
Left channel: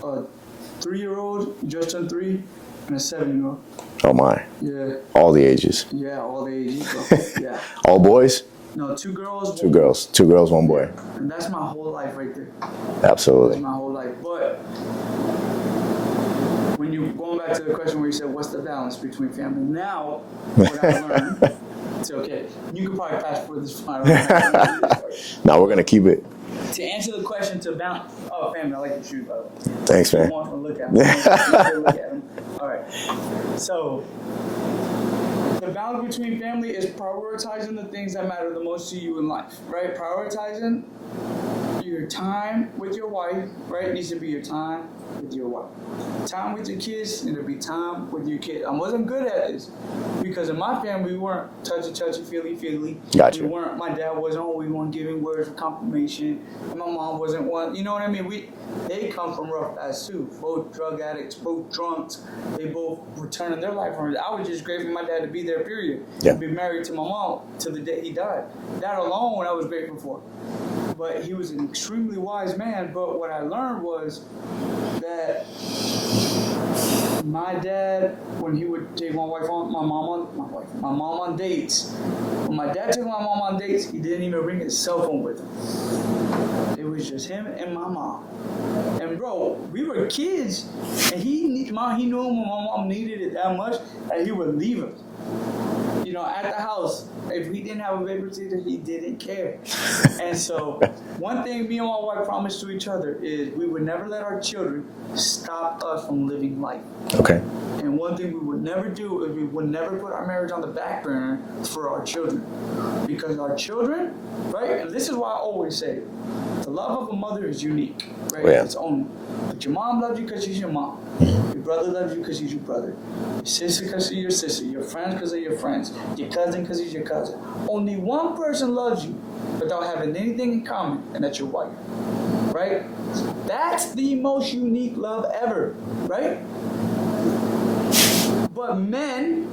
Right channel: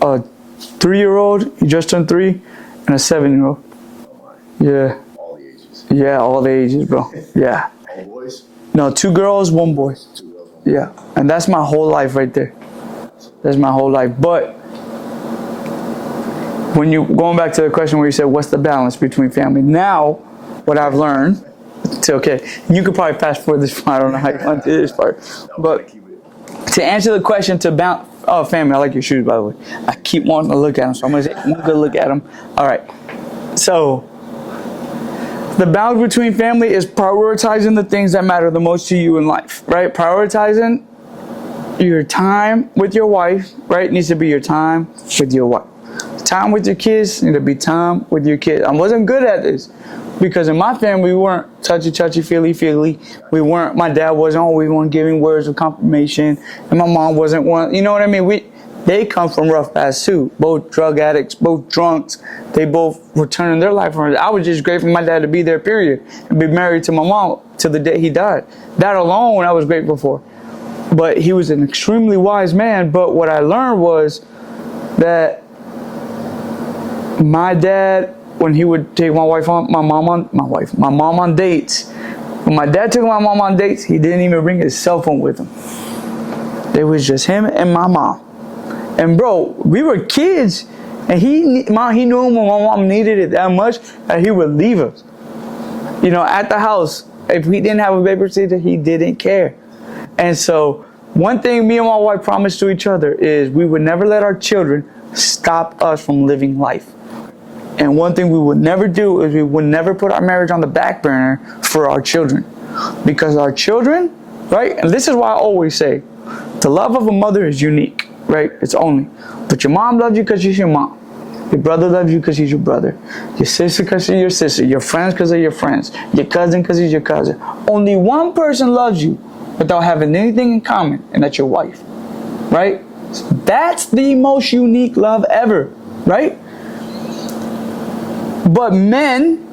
a 3-year-old, he just turned 3, and a 7-year-old. Oh my. Yeah. All the ages. Yeah, all the ages, bro. Yeah. All boys? No, 2 girls, 1 boy. 2 girls, 1 boy. Yeah. And that's my whole life right there. Absolutely. That's my whole life. But when you going back to the question where you said, what's the balance between family? Now, what I've learned, you could probably fast forward this part. I don't know how you want to do this part. Now we're going to keep it. To answer the question family, I like your shoes, by the way. Thanks, I keep wanting to look at them, so I'm going to look at them. All right. So, the balance between family is prioritizing the things that matter the most to you in life, right? Prioritizing your time with your wife, right? Needs to be your time with your wife. Time with your kids need to be time with your kids. I wasn't good at this because in my family, we weren't touchy, feely. Gotcha. My dad wasn't always one giving words of confirmation, and my mom wasn't one, you know what I mean? They come from rough past too. Both drug addicts, both drunks. They both were turning their life around. I was just grateful for my dad to be there, period. Yeah. Be married to my mom till the day he died. That alone I was grateful for. But he was an extremely wise man. But what I learned was that my dad, when he would take my mom on dates, when my dad took my mom on dates, he didn't even bring his cell phone with him. It was just him and my mom. And bro, we were kids, and he knew when my mom needed it that much that he would leave us. At the house. If we didn't have a babysitter, he didn't care. And so, one thing me and my wife promised to each other is we would never let our children stop us from living life. Okay. And one thing we would never do is we would never put our marriage on the back burner for our children. Because our children, right? And this is why I always say, the love of a mother is unique. Right? Yeah. It's only. But your mom loves you because she's your mom. Mm-hmm. Your brother loves you because he's your brother. Your sister because she's your sister. Your friends because they're your friends. Your cousin because he's your cousin. Only one person loves you without having anything in common, and that's your wife. Right? So that's the most unique love ever. Right? But men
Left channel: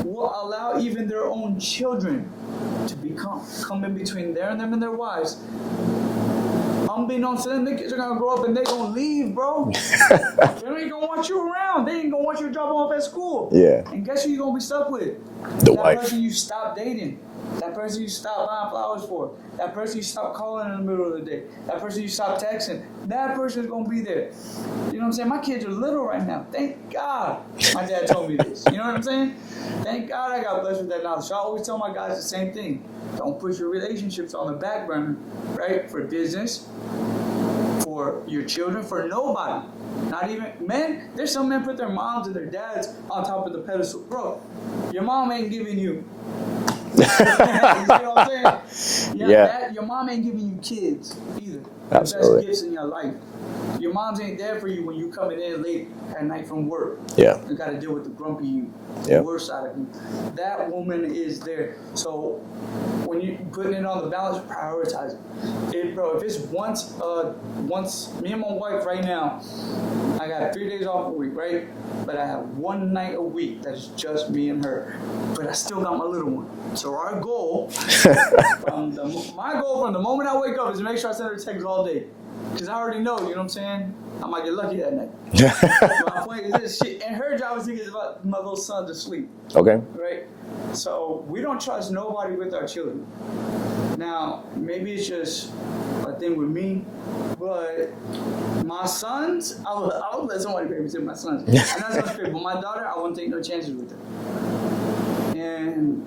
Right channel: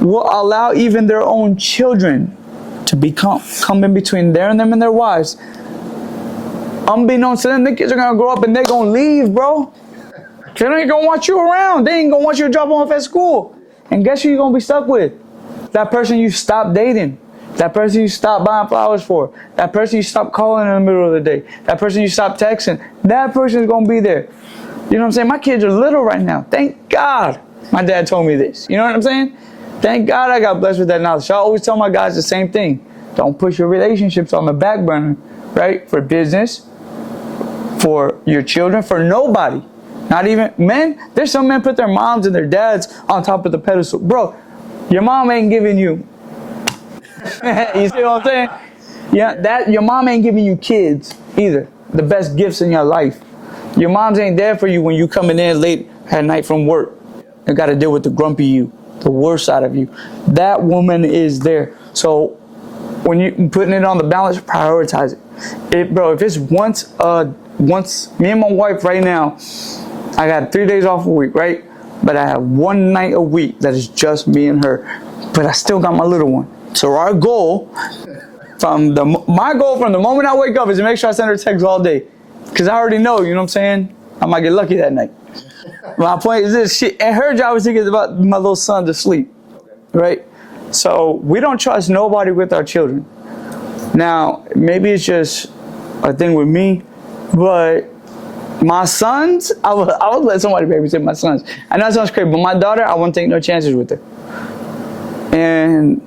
will allow even their own children to come in between them and their wives. Unbeknownst to them, the kids are going to grow up and they're going to leave, bro. They ain't going to want you around. They ain't going to want you to drop them off at school. Yeah. And guess who you're going to be stuck with? That person you stopped dating. That person you stopped buying flowers for. That person you stopped calling in the middle of the day. That person you stopped texting. That person is going to be there. You know what I'm saying? My kids are little right now. Thank God my dad told me this. You know what I'm saying? Thank God I got blessed with that knowledge. So I always tell my guys the same thing. Don't push your relationships on the back burner, right? For business, for your children, for nobody. Not even men. There's some men put their moms and their dads on top of the pedestal. Bro, your mom ain't giving you. You see what I'm saying? Yeah. That your mom ain't giving you kids either. The best gifts in your life. Your moms ain't there for you when you coming in late at night from work. Yeah. You got to deal with the grumpy you, the worst side of you. That woman is there. So when you putting it on the balance, prioritize it. Bro, if it's once me and my wife right now, I got 3 days off a week, right? But I have one night a week that is just me and her. But I still got my little one. So our goal, my goal from the moment I wake up is to make sure I send her texts all day. Because I already know, you know what I'm saying? I might get lucky that night. My point is this, and her job is to get my little son to sleep. Okay. Right? So we don't trust nobody with our children. Now, maybe it's just a thing with me, but my sons, I would let somebody babysit my sons. I know it sounds crazy, but my daughter, I wouldn't take no chances with her. And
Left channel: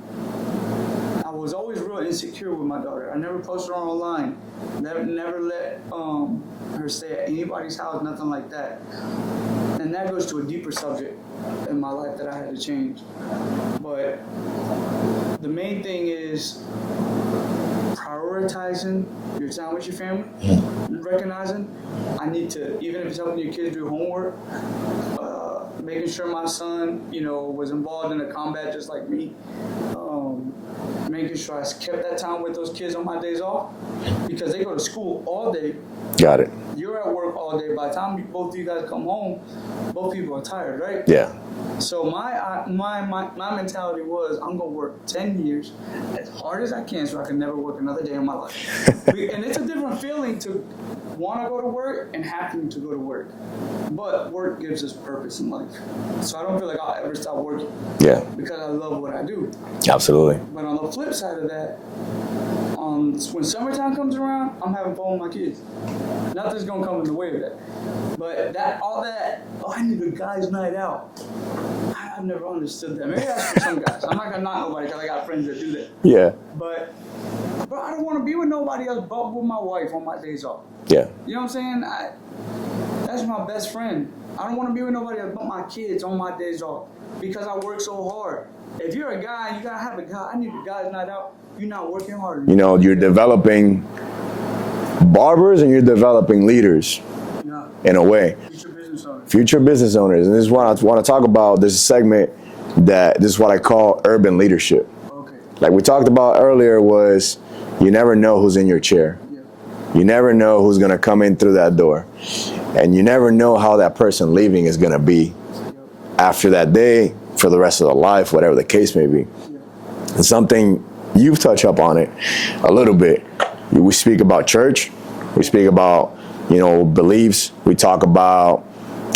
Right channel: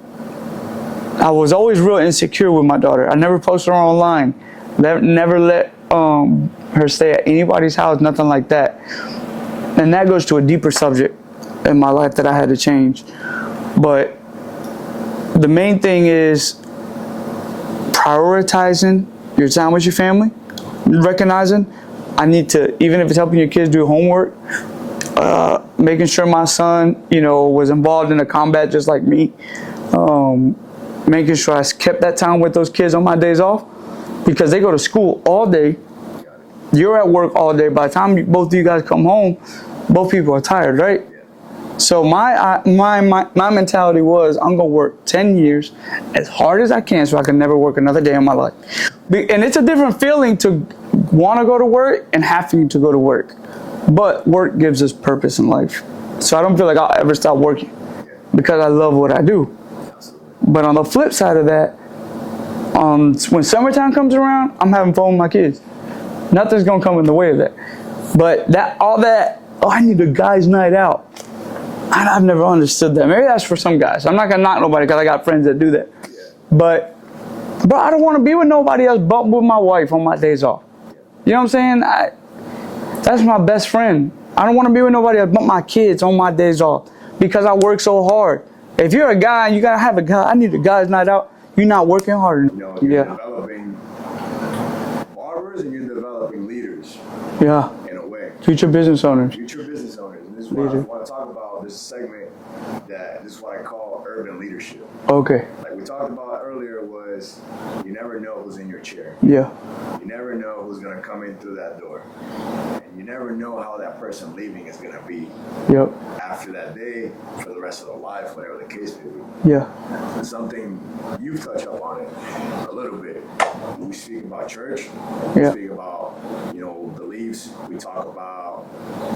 I was always real insecure with my daughter. I never posted her online. Never let her stay at anybody's house, nothing like that. And that goes to a deeper subject in my life that I had to change. But the main thing is prioritizing your time with your family, recognizing I need to, even if it's helping your kids do homework, making sure my son, was involved in the combat just like me, making sure I kept that time with those kids on my days off, because they go to school all day. Got it. You're at work all day. By the time both of you guys come home, both people are tired, right? Yeah. So my mentality was, I'm gonna work 10 years as hard as I can so I can never work another day in my life. And it's a different feeling to want to go to work and having to go to work. But work gives us purpose in life. So I don't feel like I'll ever stop working. Yeah. Because I love what I do. Absolutely. But on the flip side of that, when summertime comes around, I'm having fun with my kids. Nothing's gonna come in the way of that. But I need a guy's night out. I've never understood that. Maybe that's for some guys. I'm not gonna knock nobody because I got friends that do that. Yeah. But I don't want to be with nobody else but with my wife on my days off. Yeah. You know what I'm saying? That's my best friend. I don't want to be with nobody else but my kids on my days off because I work so hard. If you're a guy and you gotta have a guy, I need a guy's night out. You're not working hard enough. You're developing barbers and you're developing leaders. Yeah. In a way. Future business owners. Future business owners. And this is what I want to talk about. There's a segment this is what I call urban leadership. Okay. Like we talked about earlier was you never know who's in your chair. Yeah. You never know who's going to come in through that door. And you never know how that person leaving is going to be. Yep. After that day, for the rest of their life, whatever the case may be. Yeah. And something you've touched up on it a little bit. We speak about church. We speak about beliefs. We talk about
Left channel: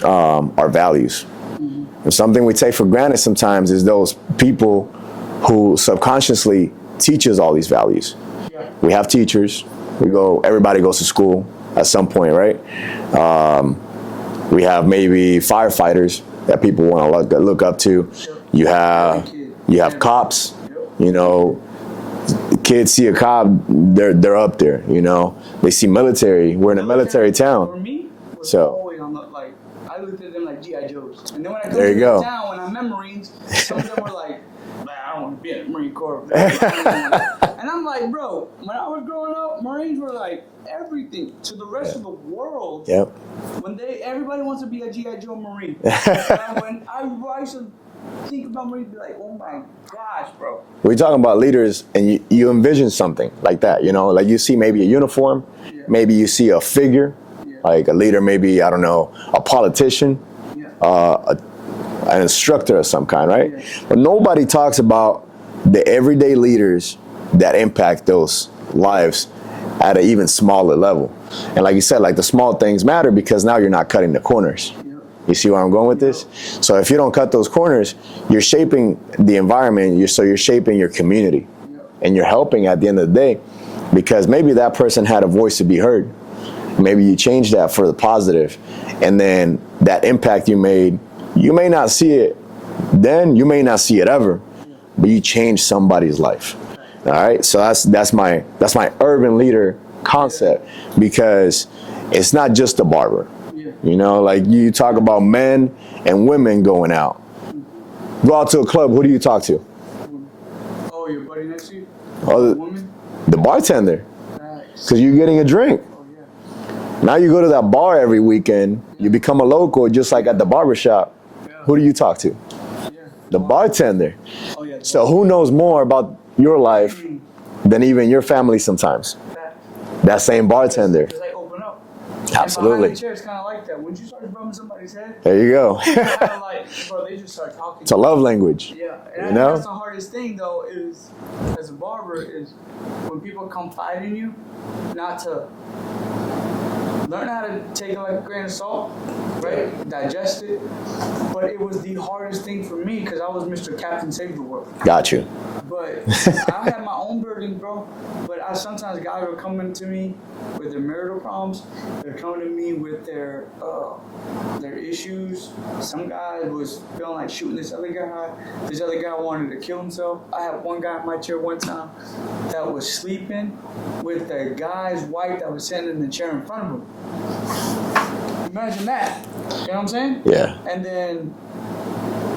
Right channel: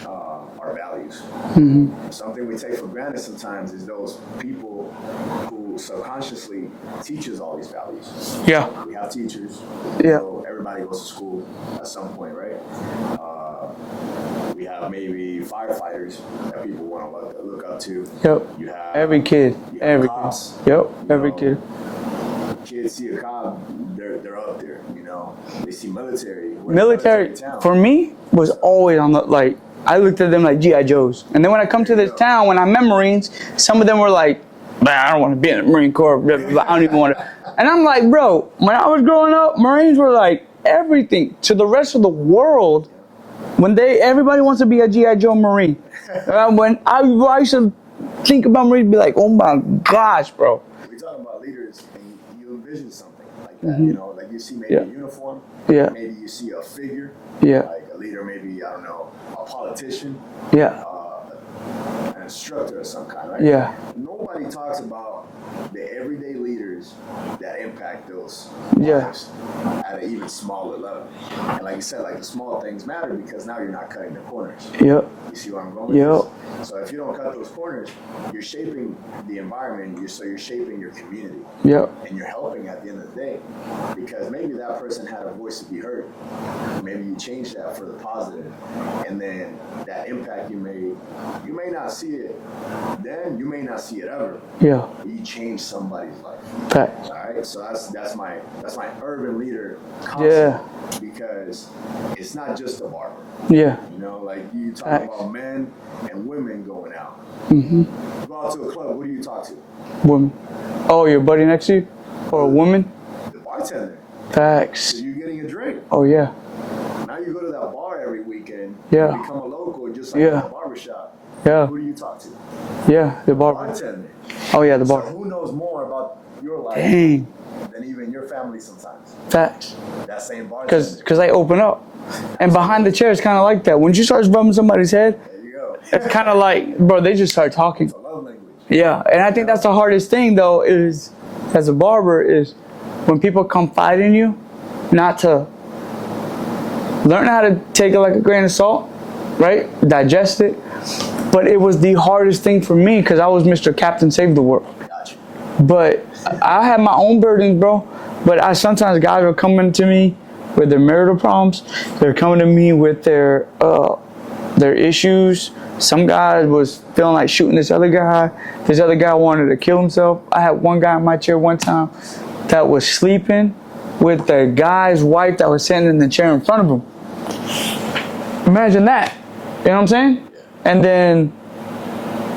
our values. Mm-hmm. And something we take for granted sometimes is those people who subconsciously teach us all these values. Yeah. We have teachers. Everybody goes to school at some point, right? We have maybe firefighters that people want to look up to. Yep. You have every kid. You have cops. Yep. Kids see a cop, they're up there. They see military. We're in a military town. For me, was always on the I looked at them like G.I. Joes. And then when I come to this town, when I met Marines, some of them were like, man, I don't want to be in the Marine Corps. I don't even want to. And I'm like, bro, when I was growing up, Marines were like everything to the rest of the world. Yep. When everybody wants to be a G.I. Joe Marine. When I used to think about Marines, be like, oh my gosh, bro. We're talking about leaders, and you envision something like that, like you see maybe a uniform, maybe you see a figure, like a leader, maybe, I don't know, a politician, an instructor of some kind, right? Yeah. But nobody talks about the everyday leaders that impact those lives at an even smaller level. And like you said, like the small things matter because now you're not cutting the corners. Yep. You see where I'm going with this? So if you don't cut those corners, you're shaping the environment, you're shaping your community. Yep. And you're helping at the end of the day because maybe that person had a voice to be heard. maybe you change that for the positive, and then that impact you made, you may not see it then, you may not see it ever. Yeah. But you changed somebody's life. Fact. All right. So that's my urban leader concept, because it's not just a barber. Yeah. You know, like you talk about men and women going out. Go out to a club, who do you talk to? Woman. Oh, your buddy next to you? Oh, a woman? The bartender. Facts. Because you're getting a drink. Oh, yeah. Now you go to that bar every weekend. Yeah. You become a local, just like at the barber shop. Yeah. Who do you talk to? Yeah. The bartender. Oh, yeah, the barber. So who knows more about your life than even your family sometimes? Facts. That same bartender. Because they open up. Absolutely. And behind the chair, it's kind of like that. When you start rubbing somebody's head, there you go. it's kind of like, bro, they just start talking. It's a love language. Yeah, and I think that's the hardest thing, though, is as a barber, is when people confide in you, not to learn how to take it like a grain of salt, right? Digest it. But it was the hardest thing for me because I was Mr. Captain Save the World. Got you. But I had my own burdens, bro. But sometimes guys were coming to me with their marital problems. They're coming to me with their issues. Some guy was feeling like shooting this other guy. This other guy wanted to kill himself. I had one guy in my chair one time that was sleeping with the guy's wife that was sitting in the chair in front of him. Imagine that. You know what I'm saying? Yeah. And then,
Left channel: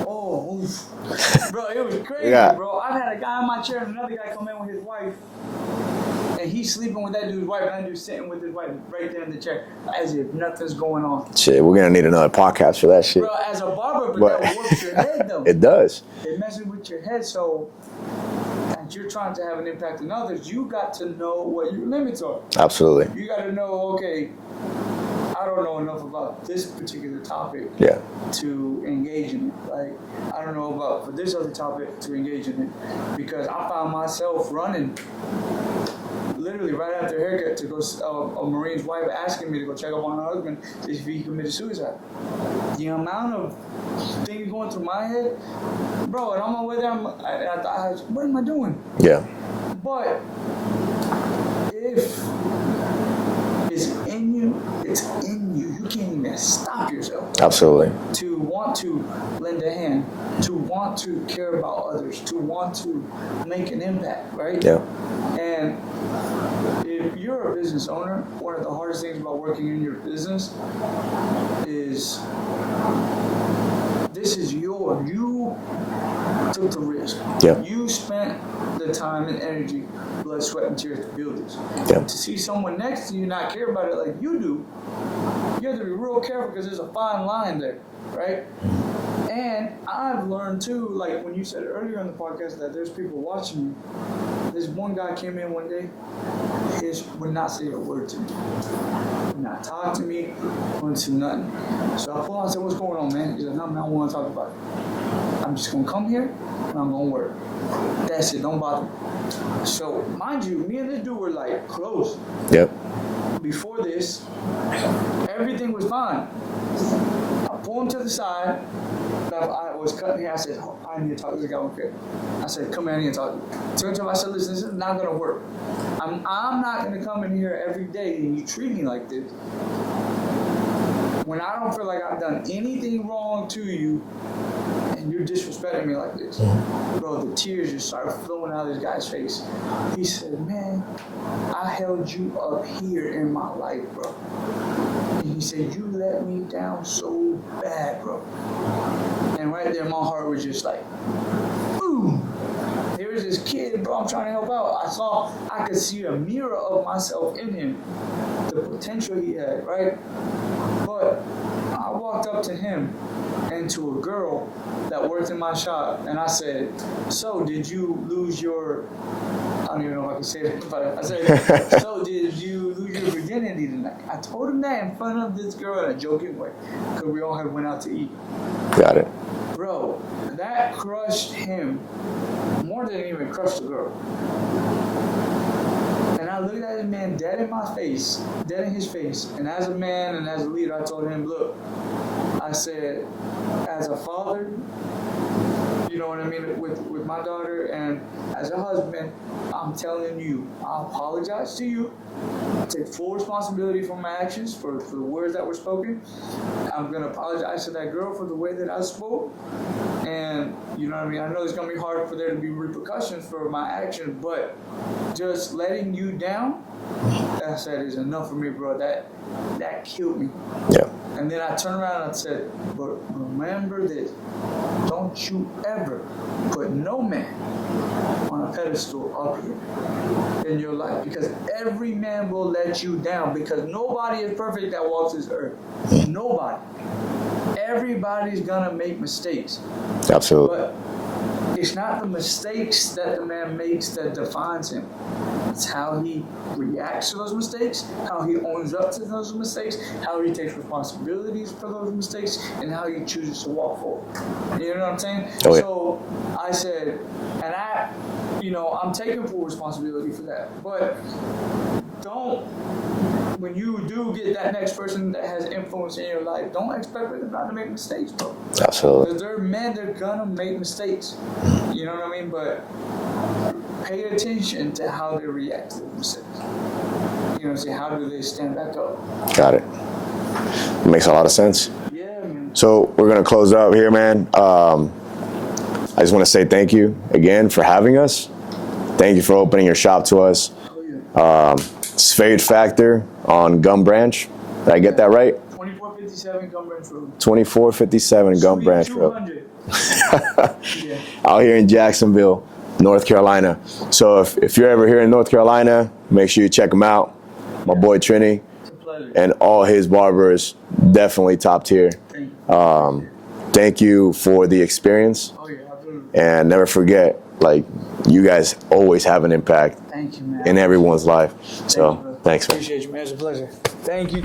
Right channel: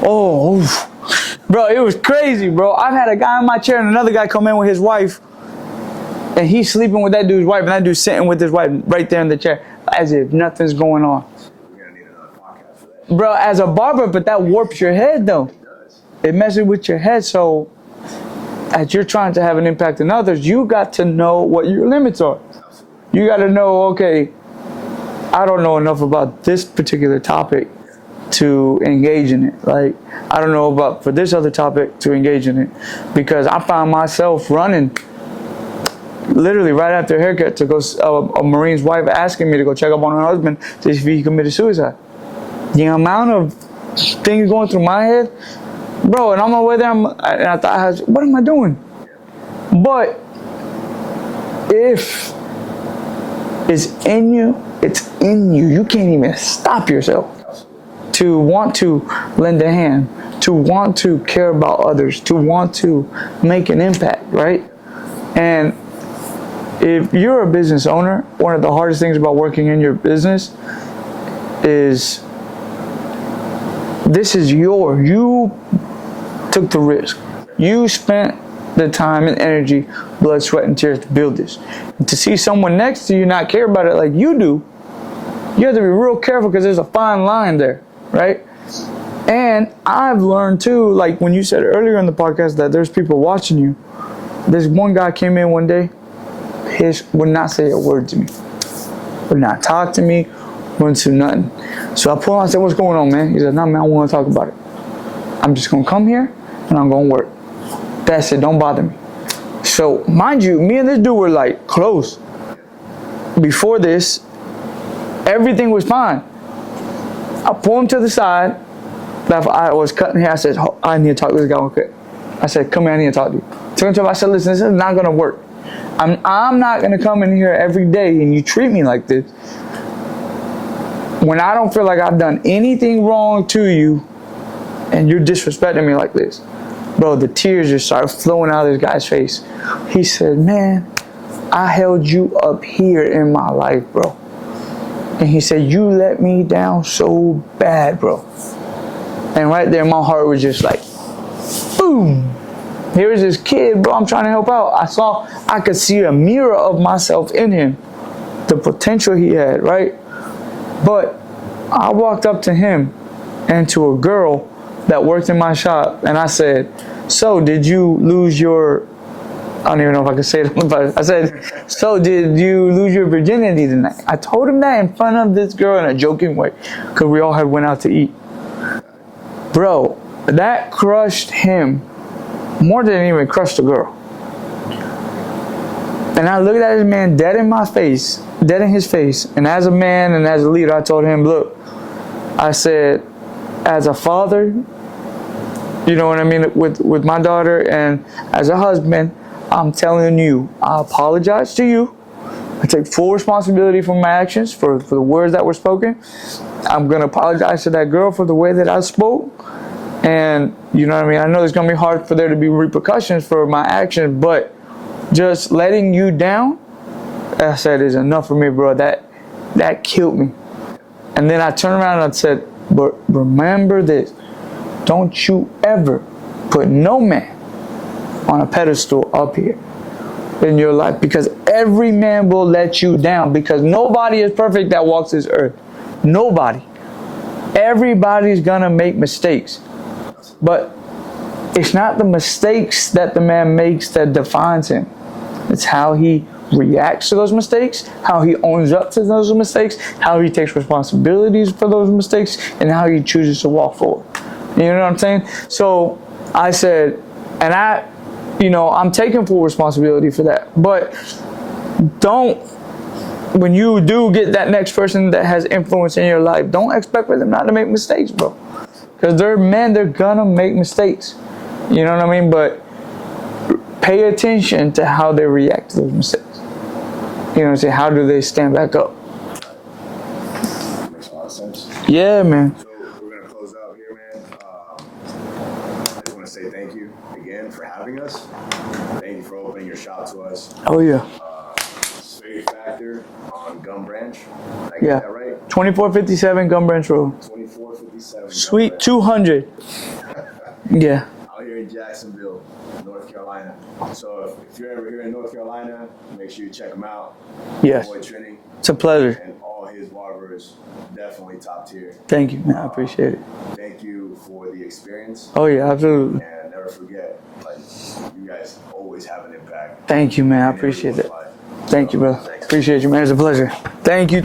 bro, it was crazy, bro. I've had a guy in my chair and another guy come in with his wife, and he's sleeping with that dude's wife, and that dude's sitting with his wife right there in the chair, as if nothing's going on. Shit, we're gonna need another podcast for that shit. Bro, as a barber, but that warps your head, though. It does. It messes with your head, so as you're trying to have an impact on others, you got to know what your limits are. Absolutely. You got to know, okay, I don't know enough about this particular topic to engage in it. Like, I don't know about for this other topic to engage in it, because I found myself running literally right after a haircut to go, a Marine's wife asking me to go check up on her husband to see if he committed suicide. The amount of things going through my head, bro, and on my way there, and I thought, what am I doing? Yeah. But if it's in you, it's in you. You can't even stop yourself. Absolutely. To want to lend a hand, to want to care about others, to want to make an impact, right? Yeah. And if you're a business owner, one of the hardest things about working in your business is this is you took the risk. Yeah. You spent the time and energy, blood, sweat, and tears to build this. Yeah. To see someone next to you not care about it like you do, you have to be real careful because there's a fine line there, right? And I've learned too, like when you said earlier in the podcast that there's people watching you. This one guy came in one day, would not say a word to me, would not talk to me, wouldn't do nothing. So I pulled him, I said, what's going on, man? He said, no, man, I want to talk about it. I'm just going to come here and I'm going to work. That's it, don't bother me. So mind you, me and this dude were like close. Yep. Before this, everything was fine. I pulled him to the side. I was cutting hair. I said, I need to talk to this guy real quick. I said, come here, I need to talk to you. Took him to him, I said, listen, this is not going to work. I'm not going to come in here every day and you treat me like this when I don't feel like I've done anything wrong to you and you're disrespecting me like this. Bro, the tears just started flowing out of this guy's face. He said, man, I held you up here in my life, bro. And he said, you let me down so bad, bro. And right there, my heart was just like, boom. Here's this kid, bro, I'm trying to help out. I could see a mirror of myself in him, the potential he had, right? But I walked up to him and to a girl that worked in my shop, and I said, so did you lose your, I don't even know if I could say it, but I said, so did you lose your virginity tonight? I told him that in front of this girl in a joking way, because we all had went out to eat. Got it. Bro, that crushed him more than it even crushed the girl. And I looked at this man dead in my face, dead in his face, and as a man and as a leader, I told him, look, I said, as a father, you know what I mean, with my daughter, and as a husband, I'm telling you, I apologize to you I take full responsibility for my actions, for the words that were spoken. I'm going to apologize to that girl for the way that I spoke. And, you know what I mean? I know it's going to be hard for there to be repercussions for my actions, but just letting you down, I said, is enough for me, bro. That killed me. Yeah. And then I turned around and I said, but remember this. Don't you ever put no man on a pedestal up here in your life, because every man will let you down, because nobody is perfect that walks this earth. Nobody. Everybody's gonna make mistakes. Absolutely. But it's not the mistakes that the man makes that defines him. It's how he reacts to those mistakes, how he owns up to those mistakes, how he takes responsibilities for those mistakes, and how he chooses to walk forward. You know what I'm saying? Oh, yeah. So I said, and I'm taking full responsibility for that. But when you do get that next person that has influence in your life, don't expect for them not to make mistakes, bro. Absolutely. Because they're men, they're gonna make mistakes. You know what I mean? But pay attention to how they react to those mistakes. You know what I'm saying? How do they stand back up? Got it. Makes a lot of sense. Yeah, man. So we're going to close out here, man. I just want to say thank you again for having us. Thank you for opening your shop to us. Oh, yeah. Spade Factor on Gum Branch. Did I get that right? 2457 Gum Branch Road. 2457 Gum Sweet Branch 200. Yeah. Out here in Jacksonville, North Carolina. So if you're ever here in North Carolina, make sure you check him out. My boy Trini. It's a pleasure. And all his barbers, definitely top tier. Thank you, man. I appreciate it. Thank you for the experience. Oh, yeah, absolutely. And never forget, you guys always have an impact. Thank you, man. In everyone's life. Thank you, brother. Thanks. Appreciate you, man. It's a pleasure. Thank you.